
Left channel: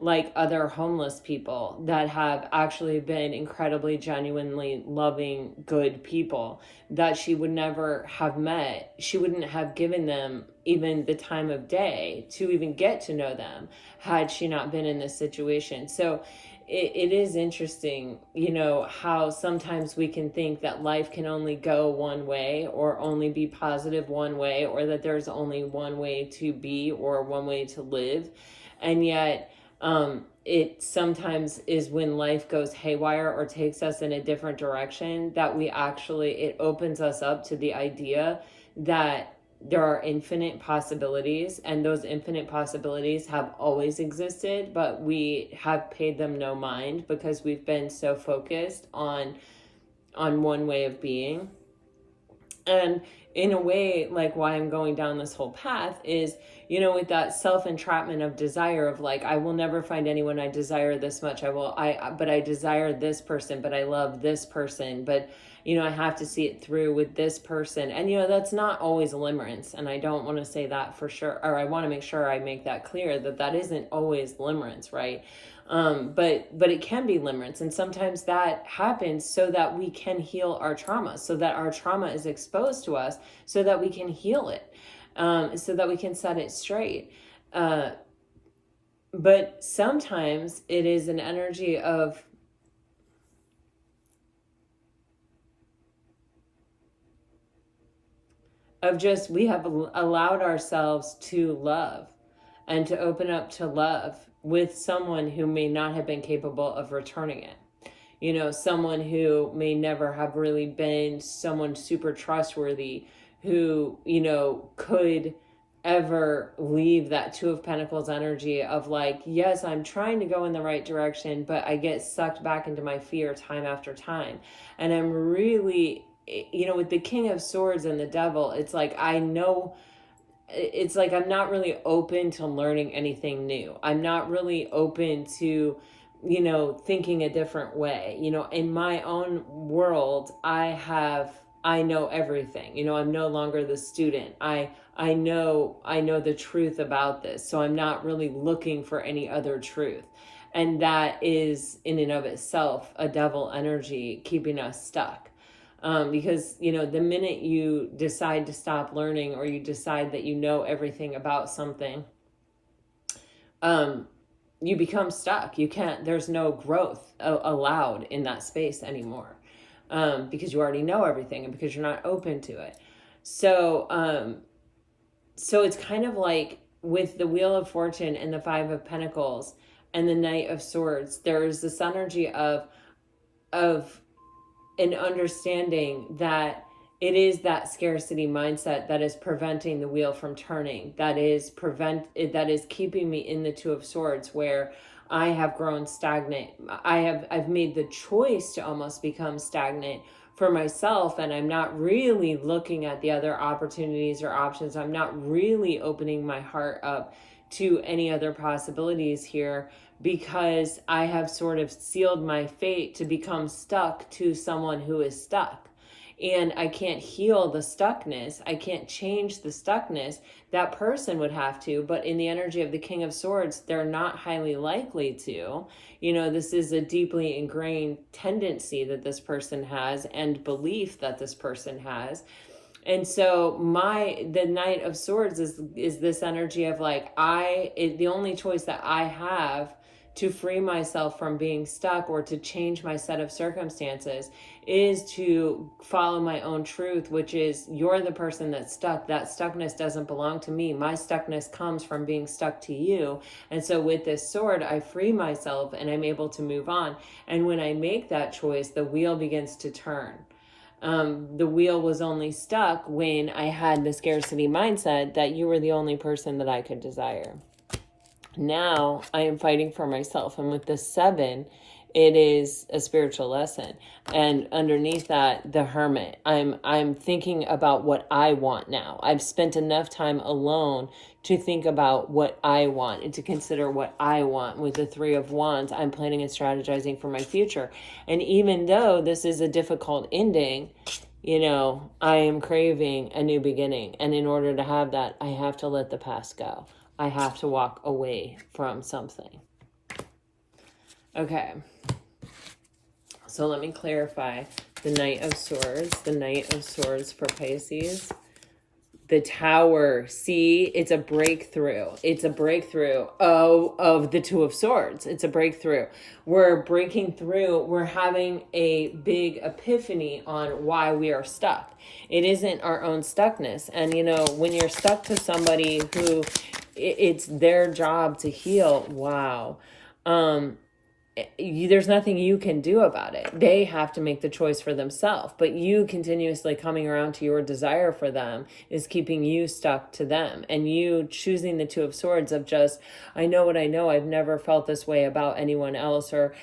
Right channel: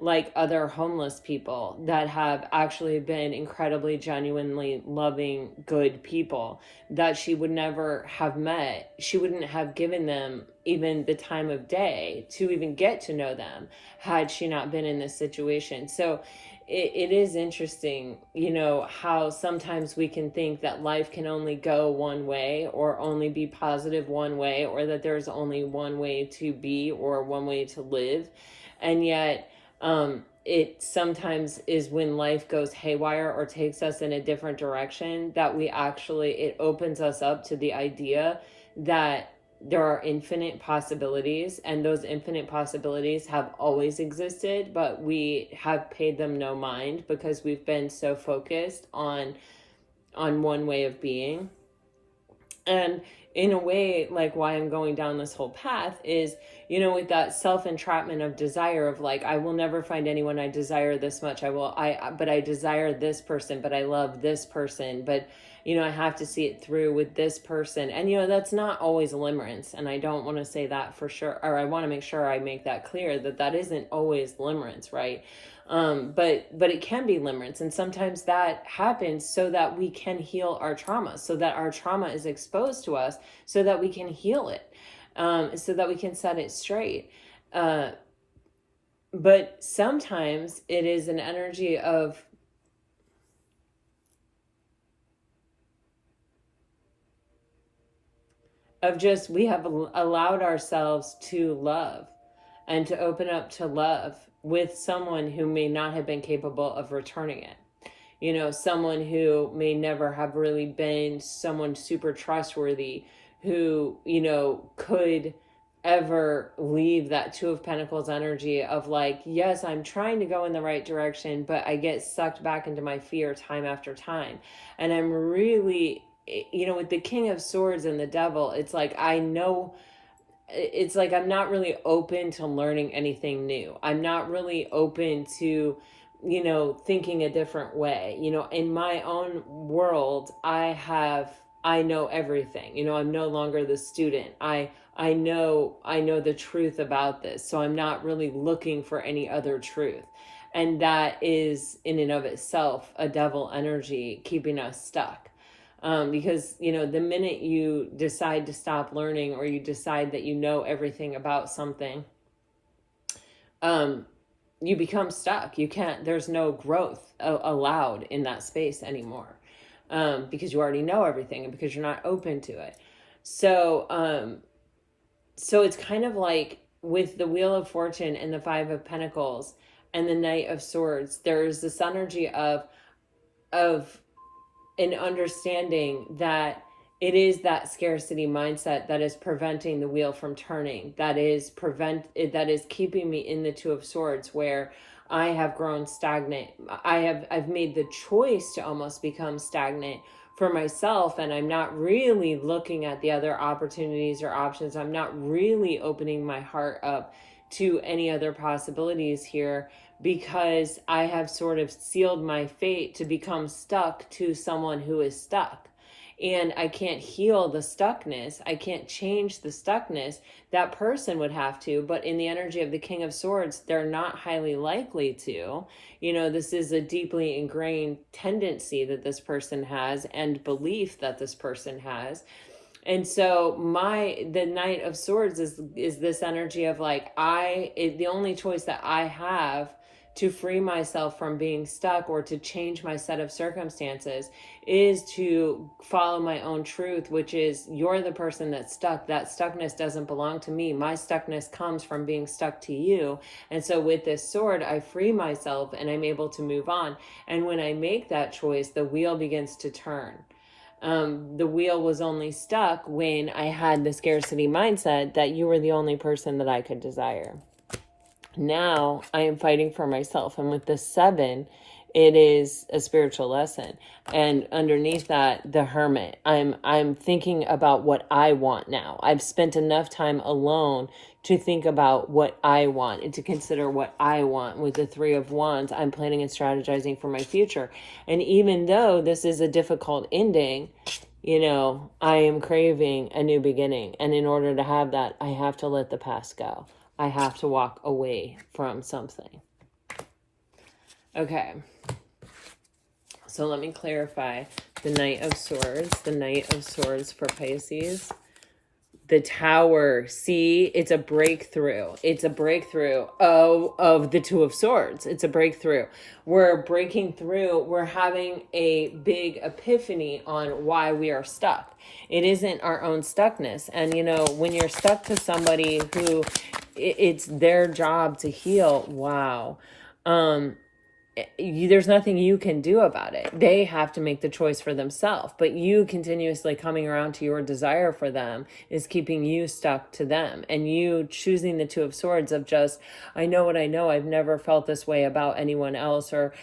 Like other homeless people that have actually been incredibly, genuinely loving, good people that she would never have met. She wouldn't have given them even the time of day to even get to know them had she not been in this situation. So it is interesting, you know, how sometimes we can think that life can only go one way, or only be positive one way, or that there's only one way to be or one way to live. And yet, it sometimes is when life goes haywire or takes us in a different direction that it opens us up to the idea that there are infinite possibilities, and those infinite possibilities have always existed, but we have paid them no mind because we've been so focused on one way of being. And in a way, like, why I'm going down this whole path is, you know, with that self-entrapment of desire of like, I will never find anyone I desire this much. But I desire this person, but I love this person, but, you know, I have to see it through with this person. And, you know, that's not always limerence. And I don't want to say that for sure, or I want to make sure I make that clear that that isn't always limerence, right? But it can be limerence, and sometimes that happens so that we can heal our trauma, so that our trauma is exposed to us, so that we can heal it, so that we can set it straight. But sometimes it is an energy of just, we have allowed ourselves to love and to open up to love with someone who may not have been capable of returning it. You know, someone who may never have really been someone super trustworthy who, you know, could ever leave that Two of Pentacles energy of like, yes, I'm trying to go in the right direction, but I get sucked back into my fear time after time. And I'm really, you know, with the King of Swords and the Devil, it's like, I know, it's like I'm not really open to learning anything new. I'm not really open to, you know, thinking a different way. You know, in my own world, I know everything. You know, I'm no longer the student. I know the truth about this. So I'm not really looking for any other truth. And that is in and of itself a devil energy keeping us stuck. Because, you know, the minute you decide to stop learning, or you decide that you know everything about something, you become stuck. You can't, there's no growth allowed in that space anymore, because you already know everything and because you're not open to it. So, so it's kind of like with the Wheel of Fortune and the Five of Pentacles and the Knight of Swords, there is this energy of an understanding that it is that scarcity mindset that is preventing the wheel from turning, that is keeping me in the Two of Swords, where I have grown stagnant. I've made the choice to almost become stagnant for myself, and I'm not really looking at the other opportunities or options. I'm not really opening my heart up to any other possibilities here, because I have sort of sealed my fate to become stuck to someone who is stuck. And I can't heal the stuckness. I can't change the stuckness. That person would have to, but in the energy of the King of Swords, they're not highly likely to. You know, this is a deeply ingrained tendency that this person has, and belief that this person has. And so the Knight of Swords is this energy of like, the only choice that I have to free myself from being stuck, or to change my set of circumstances, is to follow my own truth, which is, you're the person that's stuck. That stuckness doesn't belong to me. My stuckness comes from being stuck to you. And so with this sword, I free myself and I'm able to move on. And when I make that choice, the wheel begins to turn. The wheel was only stuck when I had the scarcity mindset that you were the only person that I could desire. Now I am fighting for myself. And with the 7, it is a spiritual lesson. And underneath that, the Hermit. I'm thinking about what I want now. I've spent enough time alone to think about what I want and to consider what I want. With the 3 of Wands, I'm planning and strategizing for my future. And even though this is a difficult ending, you know, I am craving a new beginning. And in order to have that, I have to let the past go. I have to walk away from something. Okay. So let me clarify. The Knight of Swords. The Knight of Swords for Pisces. The Tower. See, it's a breakthrough. It's a breakthrough of the Two of Swords. It's a breakthrough. We're breaking through. We're having a big epiphany on why we are stuck. It isn't our own stuckness. And, you know, when you're stuck to somebody who it's their job to heal, wow. there's nothing you can do about it. They have to make the choice for themselves. But you continuously coming around to your desire for them is keeping you stuck to them. And you choosing the Two of Swords of just, I know what I know. I've never felt this way about anyone else. Or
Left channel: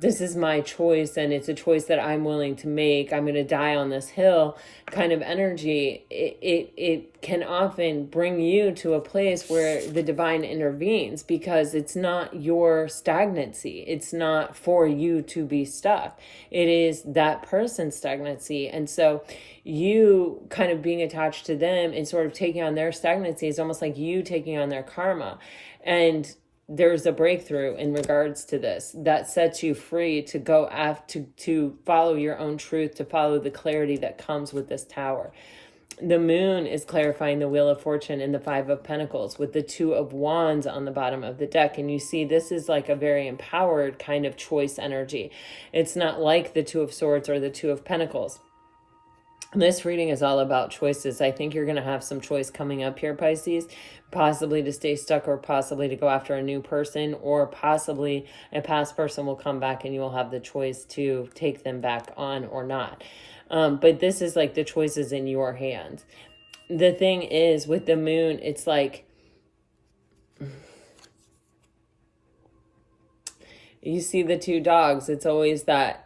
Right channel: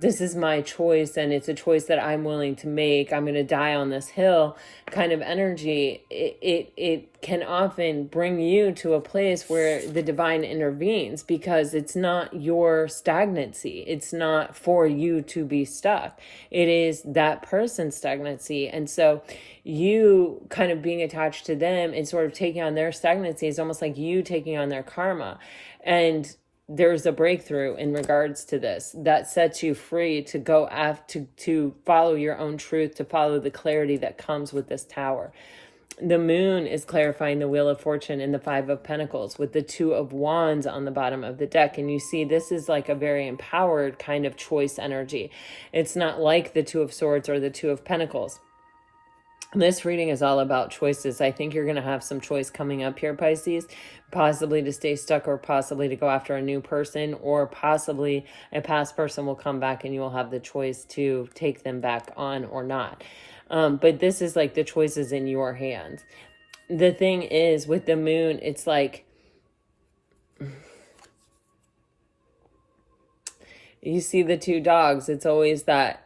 this is my choice and it's a choice that I'm willing to make. I'm going to die on this hill kind of energy. It can often bring you to a place where the divine intervenes, because it's not your stagnancy. It's not for you to be stuck. It is that person's stagnancy. And so you kind of being attached to them and sort of taking on their stagnancy is almost like you taking on their karma. And there's a breakthrough in regards to this that sets you free to go after, to follow your own truth, to follow the clarity that comes with this Tower. The Moon is clarifying the Wheel of Fortune and the Five of Pentacles with the Two of Wands on the bottom of the deck. And you see, this is like a very empowered kind of choice energy. It's not like the Two of Swords or the Two of Pentacles. This reading is all about choices. I think you're going to have some choice coming up here, Pisces, possibly to stay stuck or possibly to go after a new person, or possibly a past person will come back and you will have the choice to take them back on or not. But this is like the choices in your hands. The thing is with the Moon, it's like you see the two dogs. It's always that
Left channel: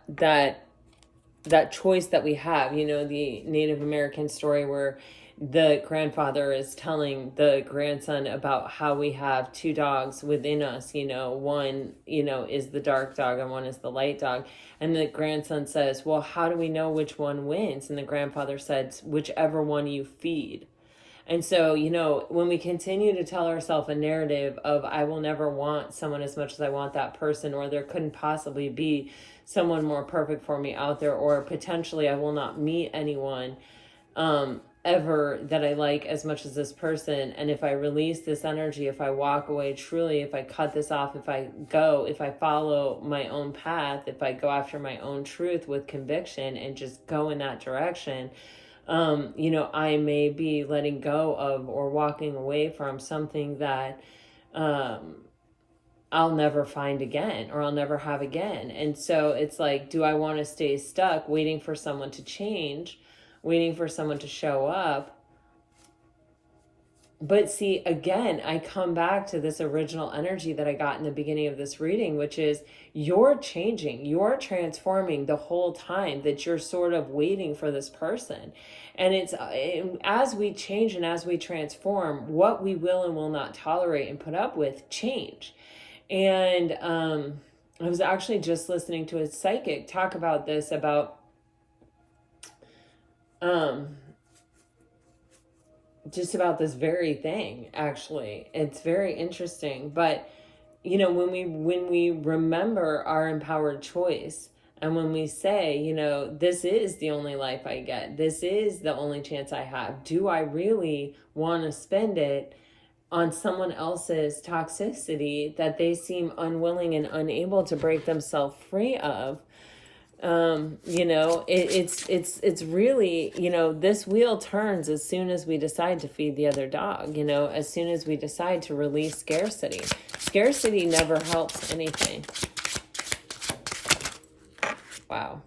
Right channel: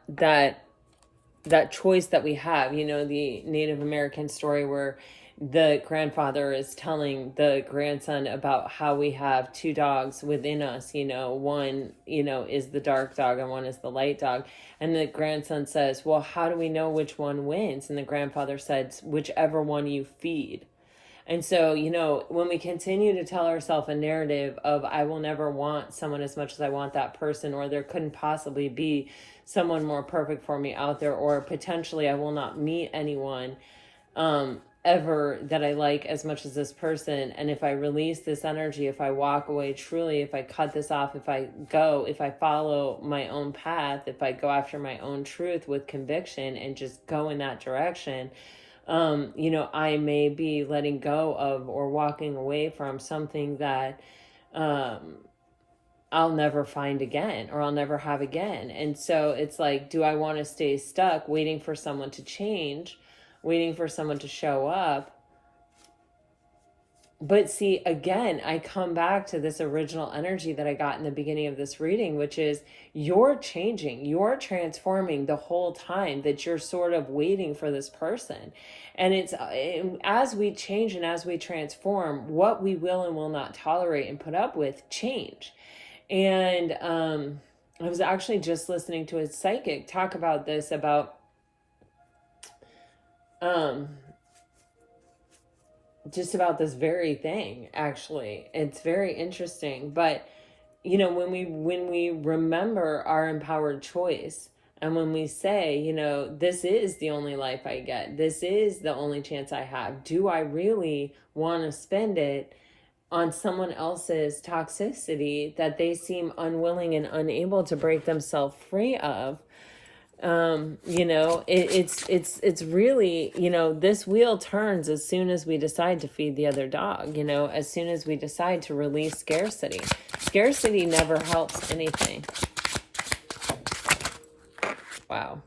choice that we have, you know, the Native American story where the grandfather is telling the grandson about how we have two dogs within us, you know, one, you know, is the dark dog and one is the light dog. And the grandson says, well, how do we know which one wins? And the grandfather says, whichever one you feed. And so, you know, when we continue to tell ourselves a narrative of, I will never want someone as much as I want that person, or there couldn't possibly be someone more perfect for me out there, or potentially I will not meet anyone ever that I like as much as this person. And if I release this energy, if I walk away truly, if I cut this off, if I follow my own path, if I go after my own truth with conviction and just go in that direction, you know, I may be letting go of or walking away from something that I'll never find again, or I'll never have again. And so it's like, do I want to stay stuck waiting for someone to change, waiting for someone to show up? But see, again, I come back to this original energy that I got in the beginning of this reading, which is you're changing, you're transforming the whole time that you're sort of waiting for this person. And it's as we change and as we transform, what we will and will not tolerate and put up with change. And I was actually just listening to a psychic talk about this, about just about this very thing. Actually, it's very interesting. But you know, when we remember our empowered choice, and when we say, you know, this is the only life I get, this is the only chance I have, do I really want to spend it on someone else's toxicity that they seem unwilling and unable to break themselves free of? You know, it's really, you know, this wheel turns as soon as we decide to feed the other dog, you know, as soon as we decide to release scarcity. Scarcity never helps anything. Wow.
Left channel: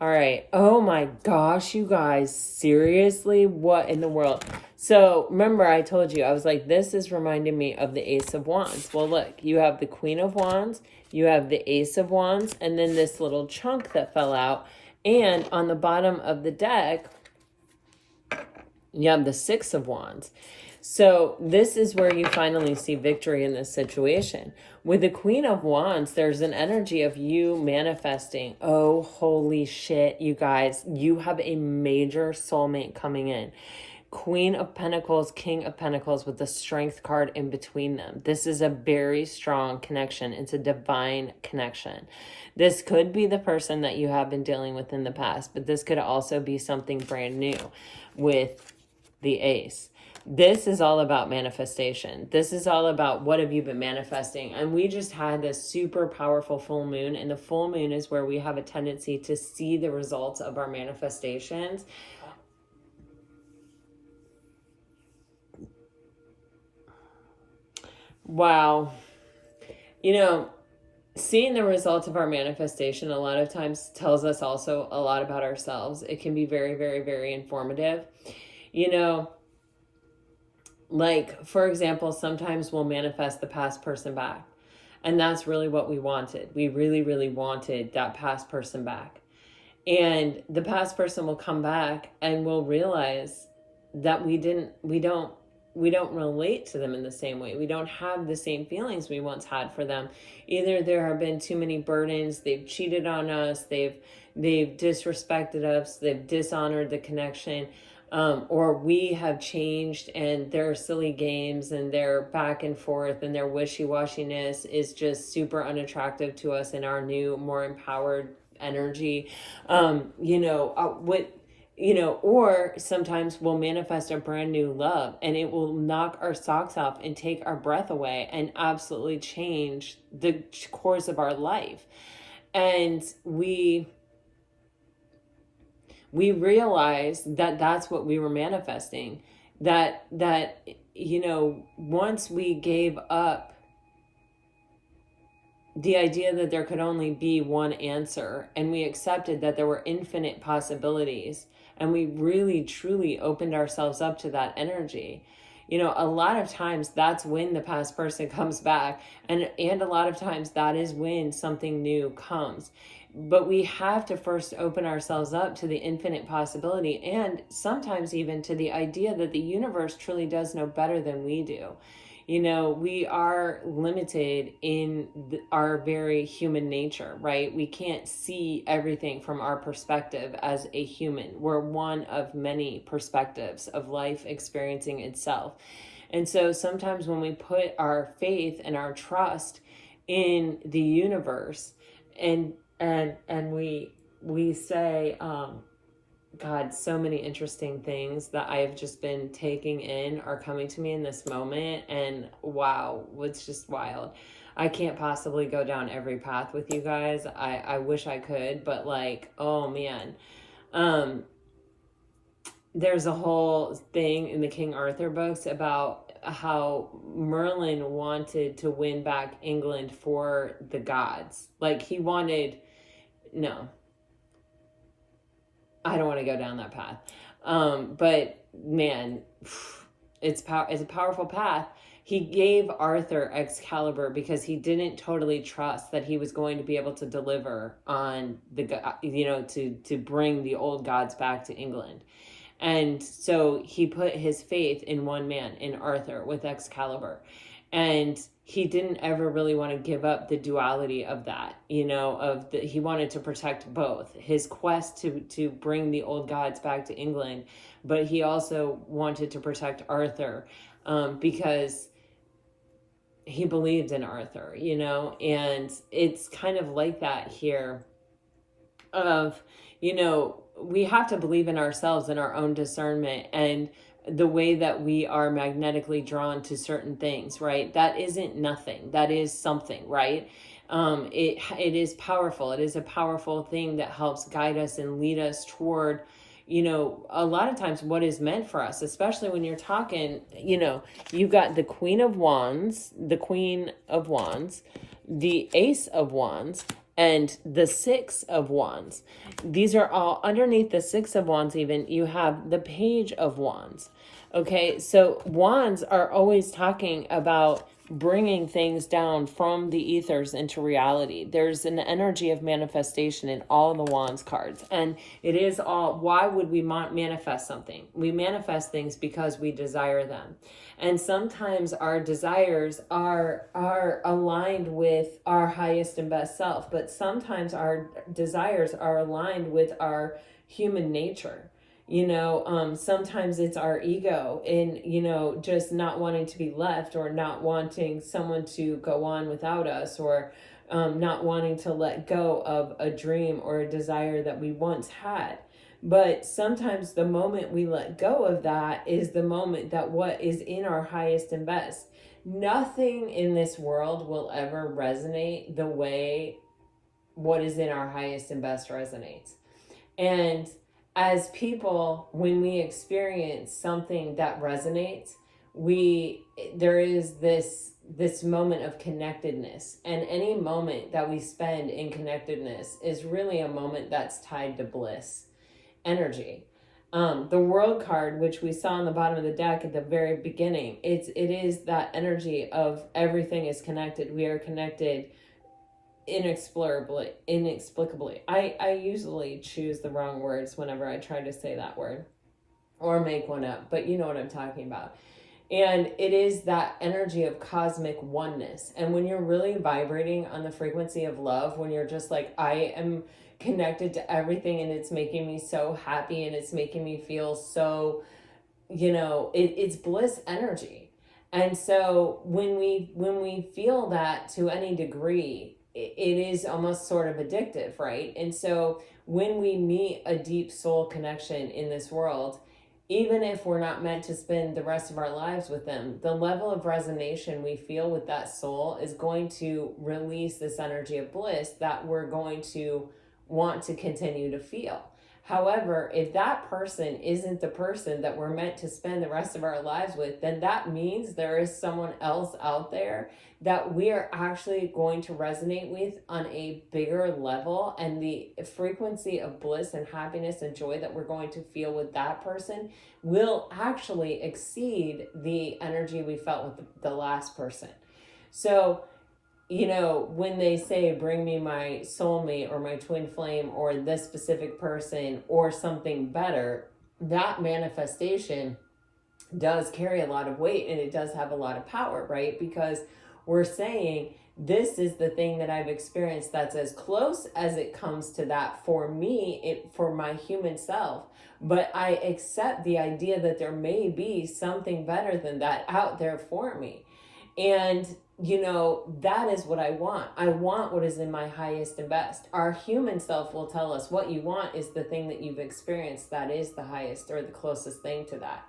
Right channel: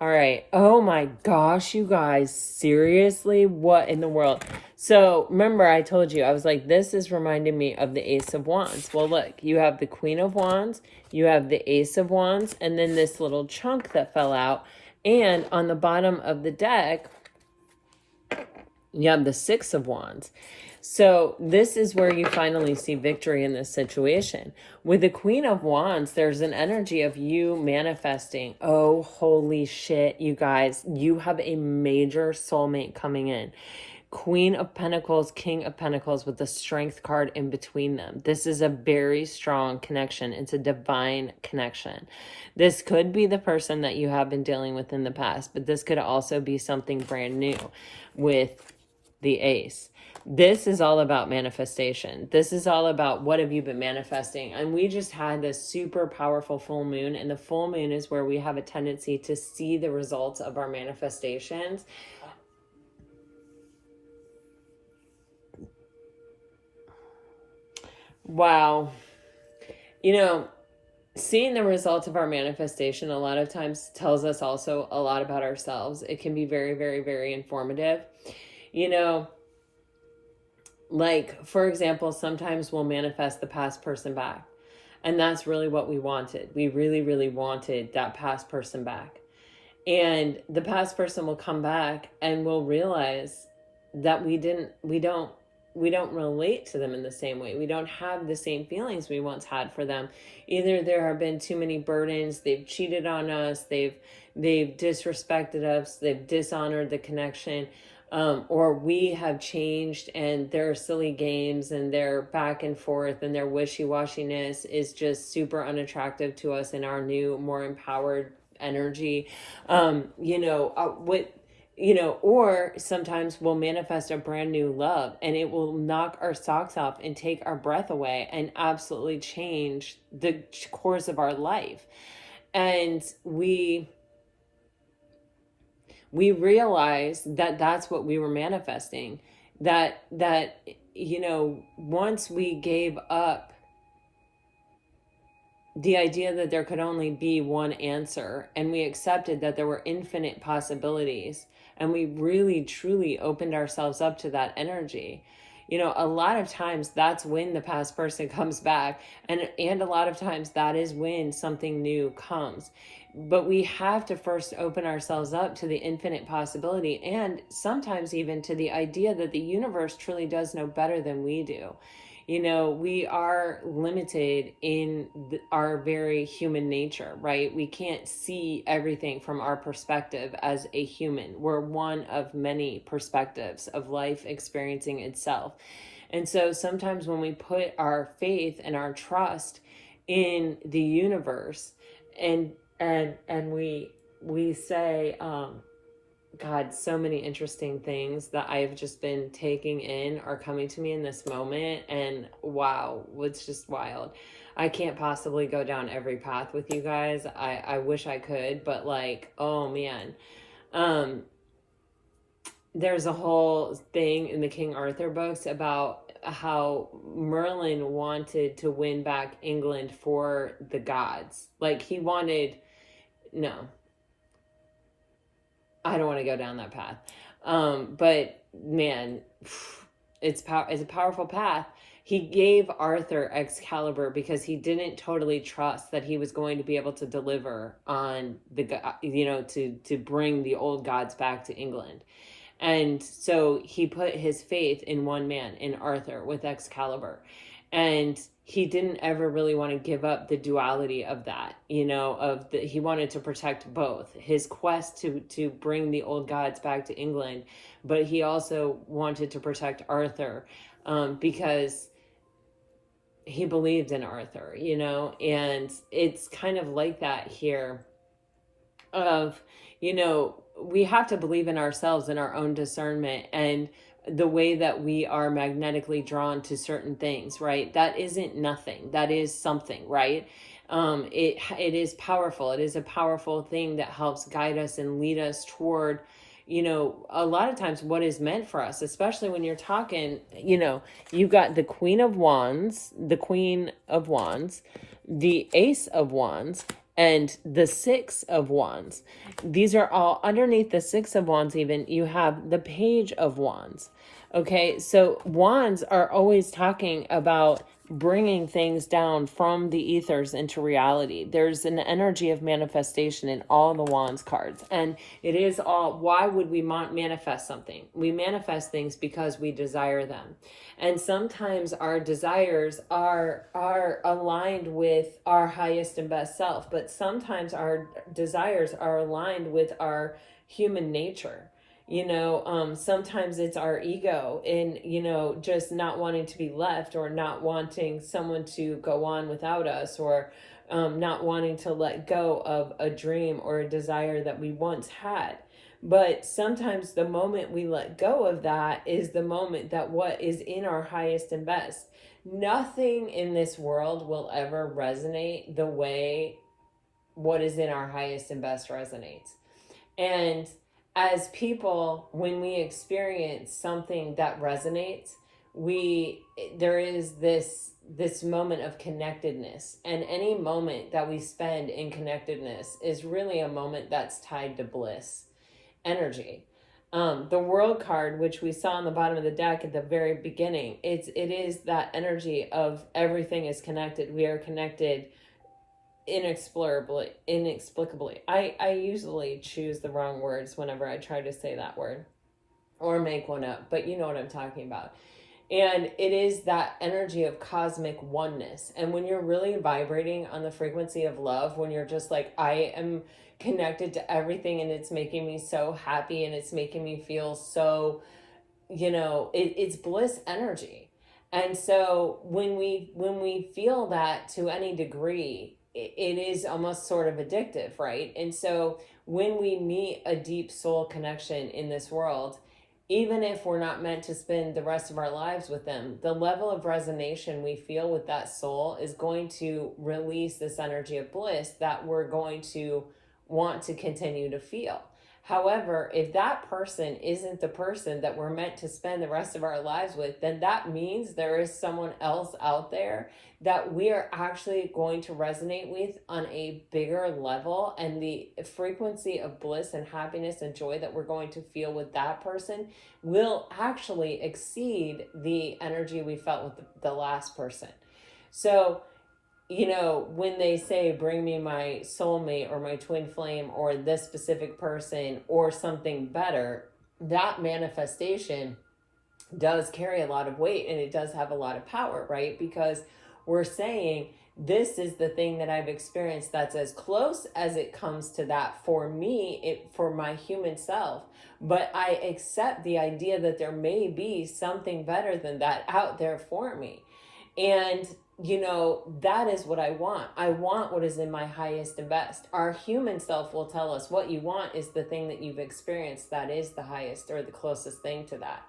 All right. Oh my gosh, you guys, seriously, what in the world? So remember, I told you, I was like, this is reminding me of the Ace of Wands. Well, look, you have the Queen of Wands, you have the Ace of Wands, and then this little chunk that fell out. And on the bottom of the deck, you have the Six of Wands. So this is where you finally see victory in this situation. With the Queen of Wands, there's an energy of you manifesting. Oh, holy shit, you guys, you have a major soulmate coming in. Queen of Pentacles, King of Pentacles with the Strength card in between them. This is a very strong connection. It's a divine connection. This could be the person that you have been dealing with in the past, but this could also be something brand new with the Ace. This is all about manifestation. This is all about what have you been manifesting. And we just had this super powerful full moon, and the full moon is where we have a tendency to see the results of our manifestations. Wow. You know, seeing the results of our manifestation a lot of times tells us also a lot about ourselves. It can be very, very, very informative. You know, like, for example, sometimes we'll manifest the past person back. And that's really what we wanted. We really, really wanted that past person back. And the past person will come back and we'll realize that we don't relate to them in the same way. We don't have the same feelings we once had for them. Either there have been too many burdens, they've cheated on us, they've disrespected us, they've dishonored the connection, or we have changed and their silly games and their back and forth and their wishy-washiness is just super unattractive to us in our new, more empowered energy. Or sometimes we'll manifest a brand new love and it will knock our socks off and take our breath away and absolutely change the course of our life. And we realize that that's what we were manifesting. That once we gave up the idea that there could only be one answer and we accepted that there were infinite possibilities and we really truly opened ourselves up to that energy, a lot of times that's when the past person comes back, and a lot of times that is when something new comes. But we have to first open ourselves up to the infinite possibility, and sometimes even to the idea that the universe truly does know better than we do. We are limited in our very human nature, right? We can't see everything from our perspective as a human. We're one of many perspectives of life experiencing itself. And so sometimes when we put our faith and our trust in the universe and we say, God, so many interesting things that I have just been taking in are coming to me in this moment. And wow, it's just wild. I can't possibly go down every path with you guys. I wish I could, but oh man. There's a whole thing in the King Arthur books about how Merlin wanted to win back England for the gods. No, I don't want to go down that path. But man, it's a powerful path. He gave Arthur Excalibur because he didn't totally trust that he was going to be able to deliver on to bring the old gods back to England. And so he put his faith in one man, in Arthur, with Excalibur. And he didn't ever really want to give up the duality of that, he wanted to protect both his quest to bring the old gods back to England, but he also wanted to protect Arthur, because he believed in Arthur, and it's kind of like that here of, we have to believe in ourselves and our own discernment and the way that we are magnetically drawn to certain things, right? That isn't nothing. That is something, right? It is powerful. It is a powerful thing that helps guide us and lead us toward, a lot of times what is meant for us, especially when you're talking, you've got the Queen of Wands, the Ace of Wands, and the Six of Wands. These are all underneath the Six of Wands. Even you have the Page of Wands. Okay, so wands are always talking about bringing things down from the ethers into reality. There's an energy of manifestation in all the wands cards, and it is all, why would we manifest something? We manifest things because we desire them. And sometimes our desires are aligned with our highest and best self, but sometimes our desires are aligned with our human nature. Sometimes it's our ego in, just not wanting to be left, or not wanting someone to go on without us, or not wanting to let go of a dream or a desire that we once had. But sometimes the moment we let go of that is the moment that what is in our highest and best. Nothing in this world will ever resonate the way what is in our highest and best resonates. And as people, when we experience something that resonates, there is this this moment of connectedness. And any moment that we spend in connectedness is really a moment that's tied to bliss energy. The World card, which we saw on the bottom of the deck at the very beginning, it is that energy of everything is connected. We are connected inexplicably. I usually choose the wrong words whenever I try to say that word or make one up, but you know what I'm talking about. And it is that energy of cosmic oneness. And when you're really vibrating on the frequency of love, when you're just like, I am connected to everything and it's making me so happy and it's making me feel so, it's bliss energy. And so when we feel that to any degree, it is almost sort of addictive, right? And so when we meet a deep soul connection in this world, even if we're not meant to spend the rest of our lives with them, the level of resonance we feel with that soul is going to release this energy of bliss that we're going to want to continue to feel. However, if that person isn't the person that we're meant to spend the rest of our lives with, then that means there is someone else out there that we are actually going to resonate with on a bigger level, and the frequency of bliss and happiness and joy that we're going to feel with that person will actually exceed the energy we felt with the last person. So, when they say, bring me my soulmate or my twin flame or this specific person or something better, that manifestation does carry a lot of weight and it does have a lot of power, right? Because we're saying, this is the thing that I've experienced that's as close as it comes to that for me, for my human self. But I accept the idea that there may be something better than that out there for me. And that is what I want. I want what is in my highest and best. Our human self will tell us what you want is the thing that you've experienced that is the highest or the closest thing to that.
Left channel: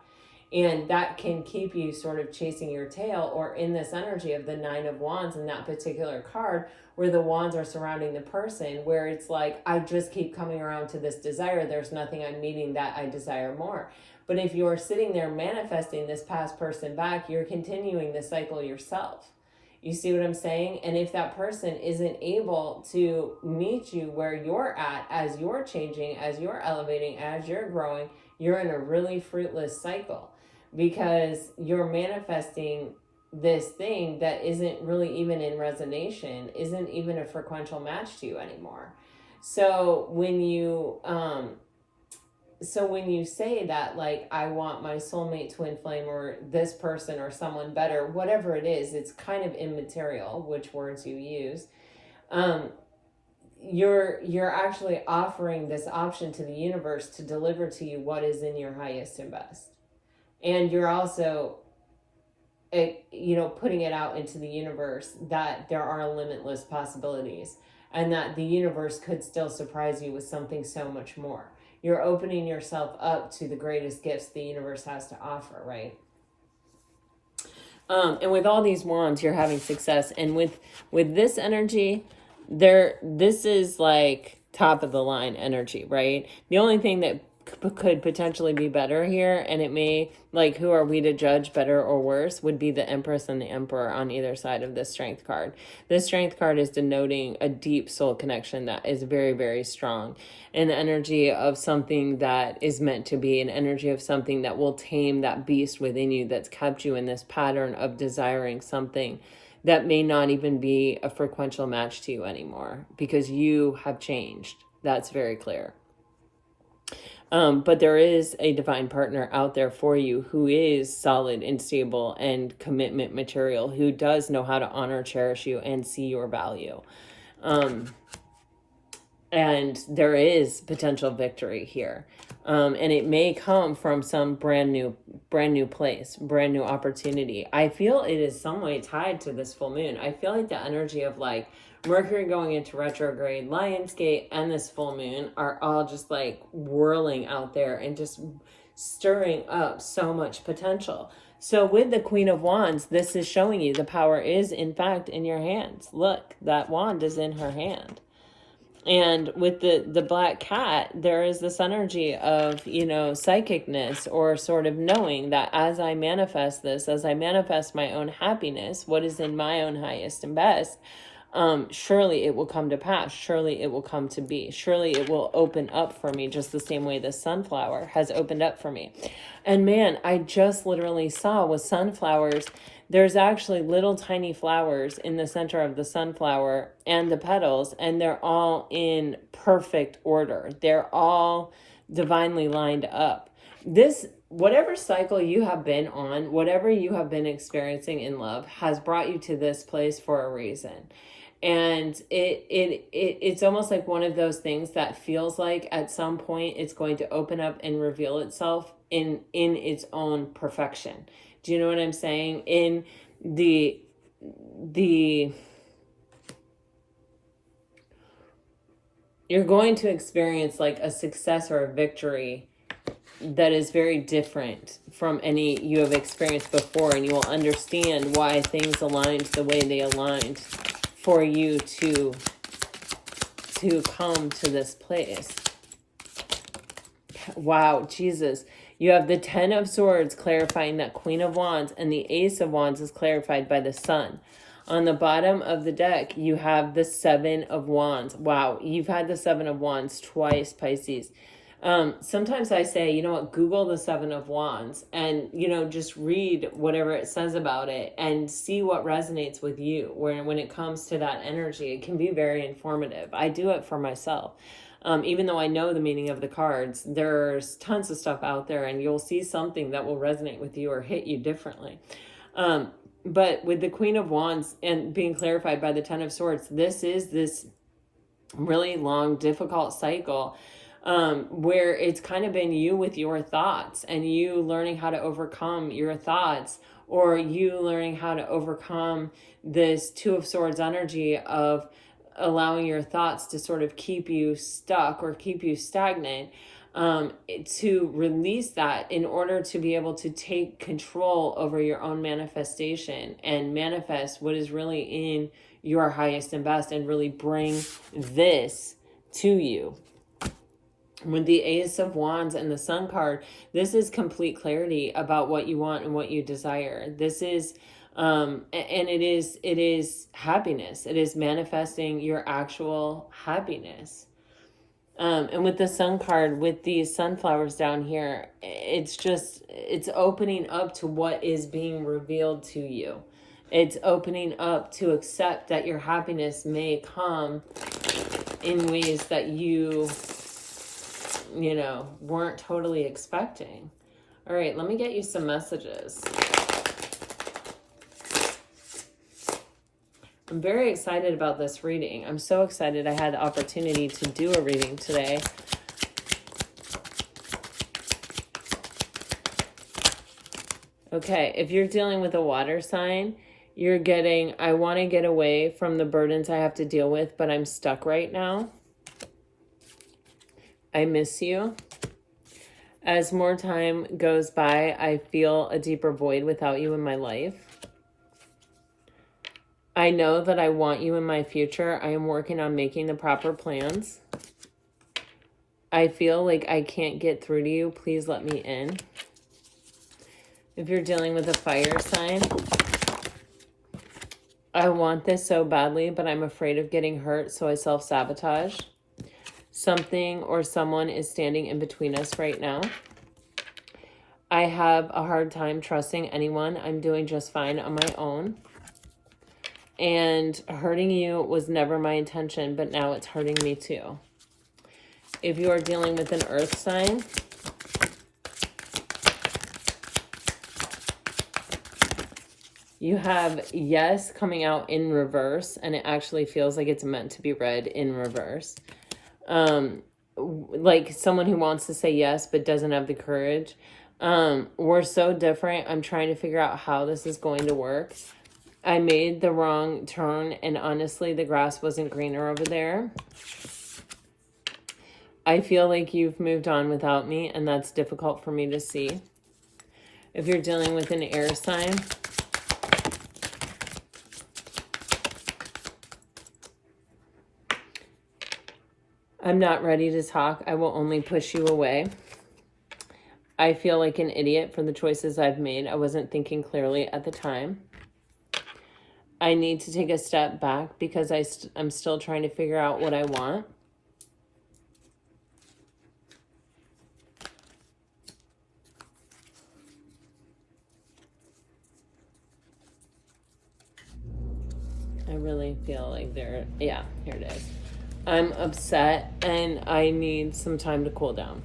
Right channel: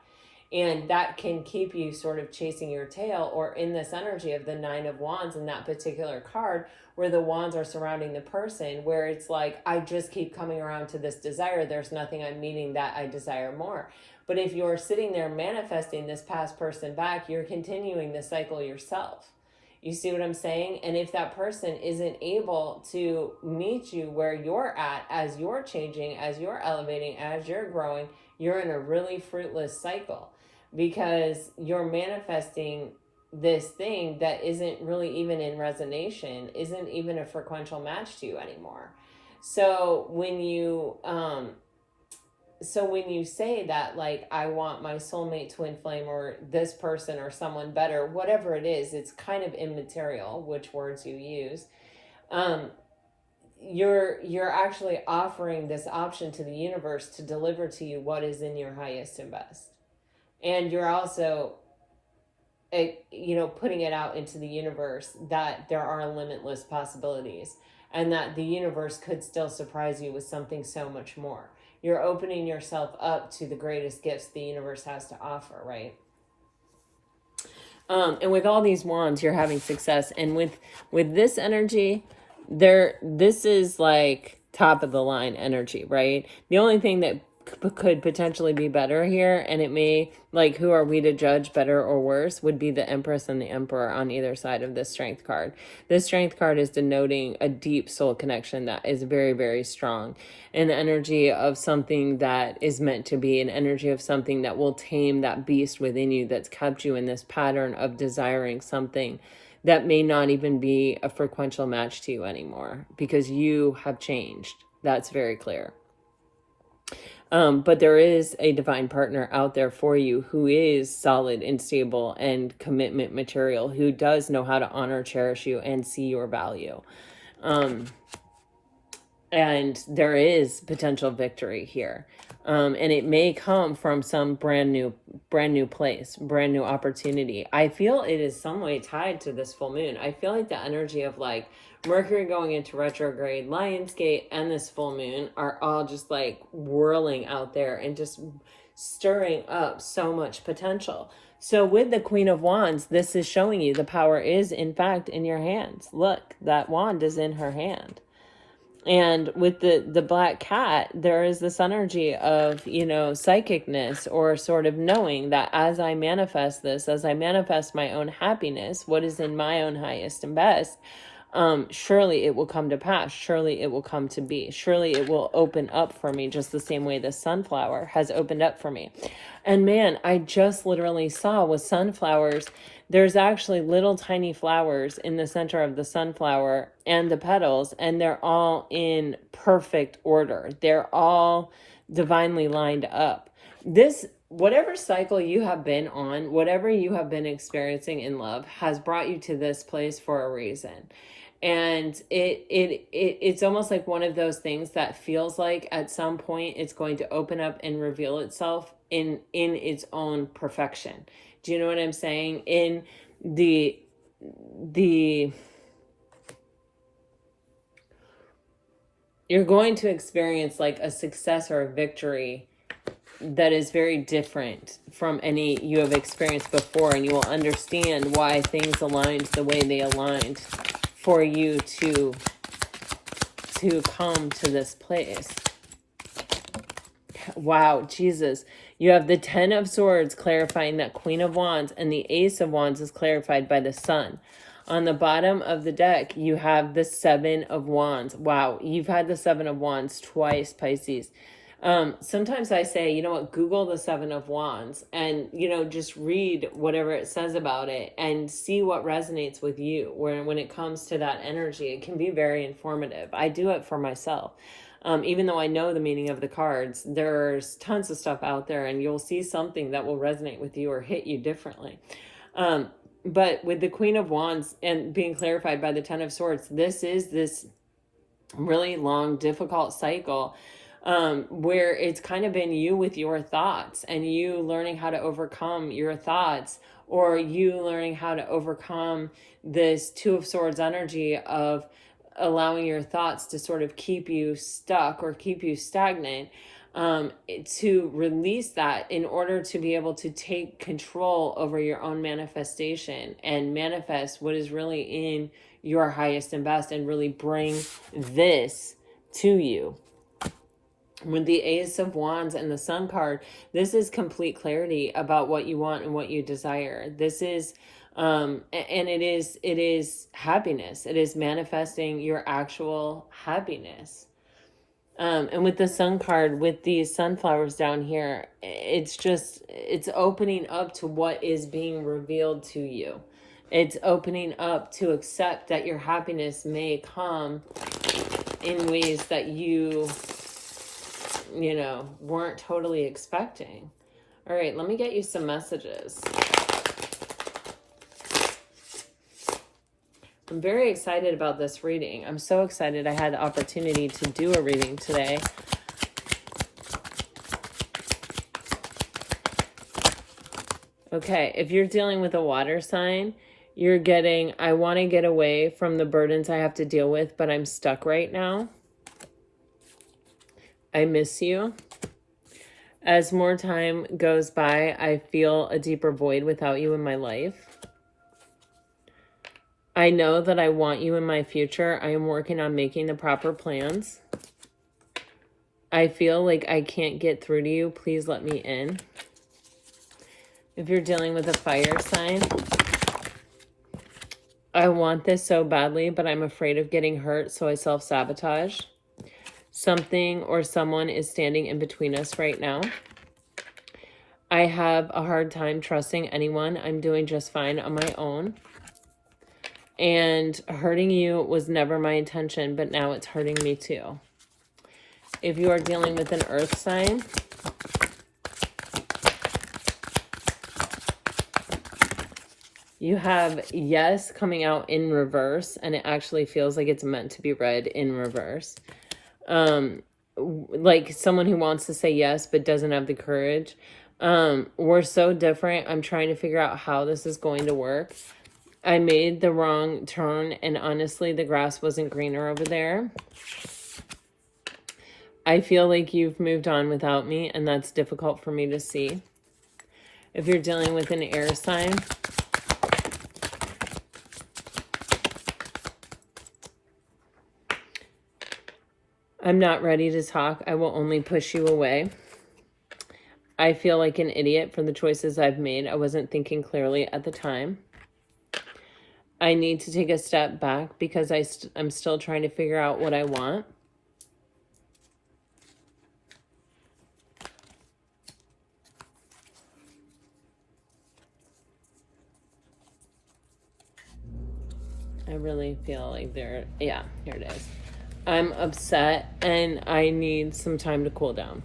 And that can keep you sort of chasing your tail, or in this energy of the Nine of Wands in that particular card, where the wands are surrounding the person, where it's like, I just keep coming around to this desire. There's nothing I'm meeting that I desire more. But if you're sitting there manifesting this past person back, you're continuing the cycle yourself. You see what I'm saying? And if that person isn't able to meet you where you're at, as you're changing, as you're elevating, as you're growing, you're in a really fruitless cycle, because you're manifesting this thing that isn't really even in resonance, isn't even a frequential match to you anymore. So when you say that, like, I want my soulmate twin flame or this person or someone better, whatever it is, it's kind of immaterial which words you use. You're actually offering this option to the universe to deliver to you what is in your highest and best. And you're also, putting it out into the universe that there are limitless possibilities and that the universe could still surprise you with something so much more. You're opening yourself up to the greatest gifts the universe has to offer, right? And with all these wands, you're having success. And with this energy, this is like top of the line energy, right? The only thing that could potentially be better here, and it may, like, who are we to judge better or worse, would be the Empress and the Emperor on either side of this Strength card. This Strength card is denoting a deep soul connection that is very, very strong. An energy of something that is meant to be, an energy of something that will tame that beast within you that's kept you in this pattern of desiring something that may not even be a frequential match to you anymore, because you have changed. That's very clear. But there is a divine partner out there for you who is solid and stable and commitment material, who does know how to honor, cherish you, and see your value. And there is potential victory here. And it may come from some brand new place, brand new opportunity. I feel it is some way tied to this full moon. I feel like the energy of, like, Mercury going into retrograde, Lionsgate, and this full moon are all just like whirling out there and just stirring up so much potential. So with the Queen of Wands, this is showing you the power is in fact in your hands. Look, that wand is in her hand. And with the black cat, there is this energy of, you know, psychicness, or sort of knowing that as I manifest this, as I manifest my own happiness, what is in my own highest and best, surely it will come to pass. Surely it will come to be. Surely it will open up for me, just the same way the sunflower has opened up for me. And man, I just literally saw with sunflowers, there's actually little tiny flowers in the center of the sunflower and the petals, and they're all in perfect order. They're all divinely lined up. This, whatever cycle you have been on, whatever you have been experiencing in love, has brought you to this place for a reason. And it's almost like one of those things that feels like at some point it's going to open up and reveal itself in its own perfection. Do you know what I'm saying? In the you're going to experience like a success or a victory that is very different from any you have experienced before, and you will understand why things aligned the way they aligned for you to come to this place. Wow, Jesus. You have the 10 of Swords clarifying that Queen of Wands, and the Ace of Wands is clarified by the Sun. On the bottom of the deck, you have the 7 of Wands. Wow, you've had the 7 of Wands twice, Pisces. Sometimes I say, you know what, Google the 7 of Wands and, you know, just read whatever it says about it and see what resonates with you. When it comes to that energy, it can be very informative. I do it for myself. Even though I know the meaning of the cards, there's tons of stuff out there, and you'll see something that will resonate with you or hit you differently. But with the Queen of Wands and being clarified by the 10 of Swords, this is this really long, difficult cycle where it's kind of been you with your thoughts, and you learning how to overcome your thoughts, or you learning how to overcome this 2 of Swords energy of allowing your thoughts to sort of keep you stuck or keep you stagnant, to release that in order to be able to take control over your own manifestation and manifest what is really in your highest and best, and really bring this to you. With the Ace of Wands and the Sun card, this is complete clarity about what you want and what you desire. This is and it is happiness. It is manifesting your actual happiness. And with the Sun card, with these sunflowers down here, it's opening up to what is being revealed to you. It's opening up to accept that your happiness may come in ways that you know, weren't totally expecting. All right, let me get you some messages. I'm very excited about this reading. I'm so excited I had the opportunity to do a reading today. Okay, if you're dealing with a water sign, you're getting, I want to get away from the burdens I have to deal with, but I'm stuck right now. I miss you. As more time goes by, I feel a deeper void without you in my life. I know that I want you in my future. I am working on making the proper plans. I feel like I can't get through to you. Please let me in. If you're dealing with a fire sign, I want this so badly, but I'm afraid of getting hurt, so I self-sabotage. Something or someone is standing in between us right now. I have a hard time trusting anyone. I'm doing just fine on my own. And hurting you was never my intention, but now it's hurting me too. If you are dealing with an earth sign, you have yes coming out in reverse, and it actually feels like it's meant to be read in reverse. Like someone who wants to say yes but doesn't have the courage. We're so different. I'm trying to figure out how this is going to work. I made the wrong turn, and honestly, the grass wasn't greener over there. I feel like you've moved on without me, and that's difficult for me to see. If you're dealing with an air sign, I'm not ready to talk. I will only push you away. I feel like an idiot for the choices I've made. I wasn't thinking clearly at the time. I need to take a step back because I'm still trying to figure out what I want. I really feel like here it is. I'm upset and I need some time to cool down.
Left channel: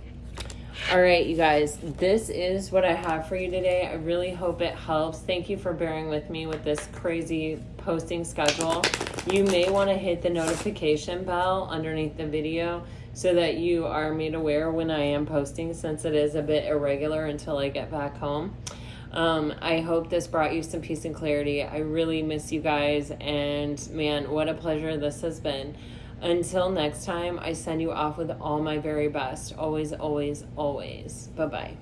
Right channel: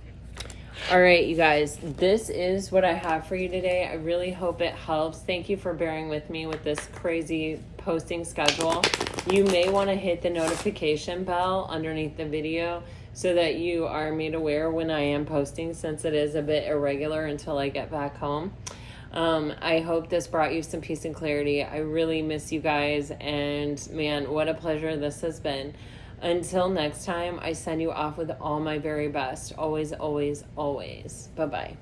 All right, you guys, this is what I have for you today. I really hope it helps. Thank you for bearing with me with this crazy posting schedule. You may want to hit the notification bell underneath the video so that you are made aware when I am posting, since it is a bit irregular until I get back home. I hope this brought you some peace and clarity. I really miss you guys, and man, what a pleasure this has been. Until next time, I send you off with all my very best. Always, always, always. Bye-bye.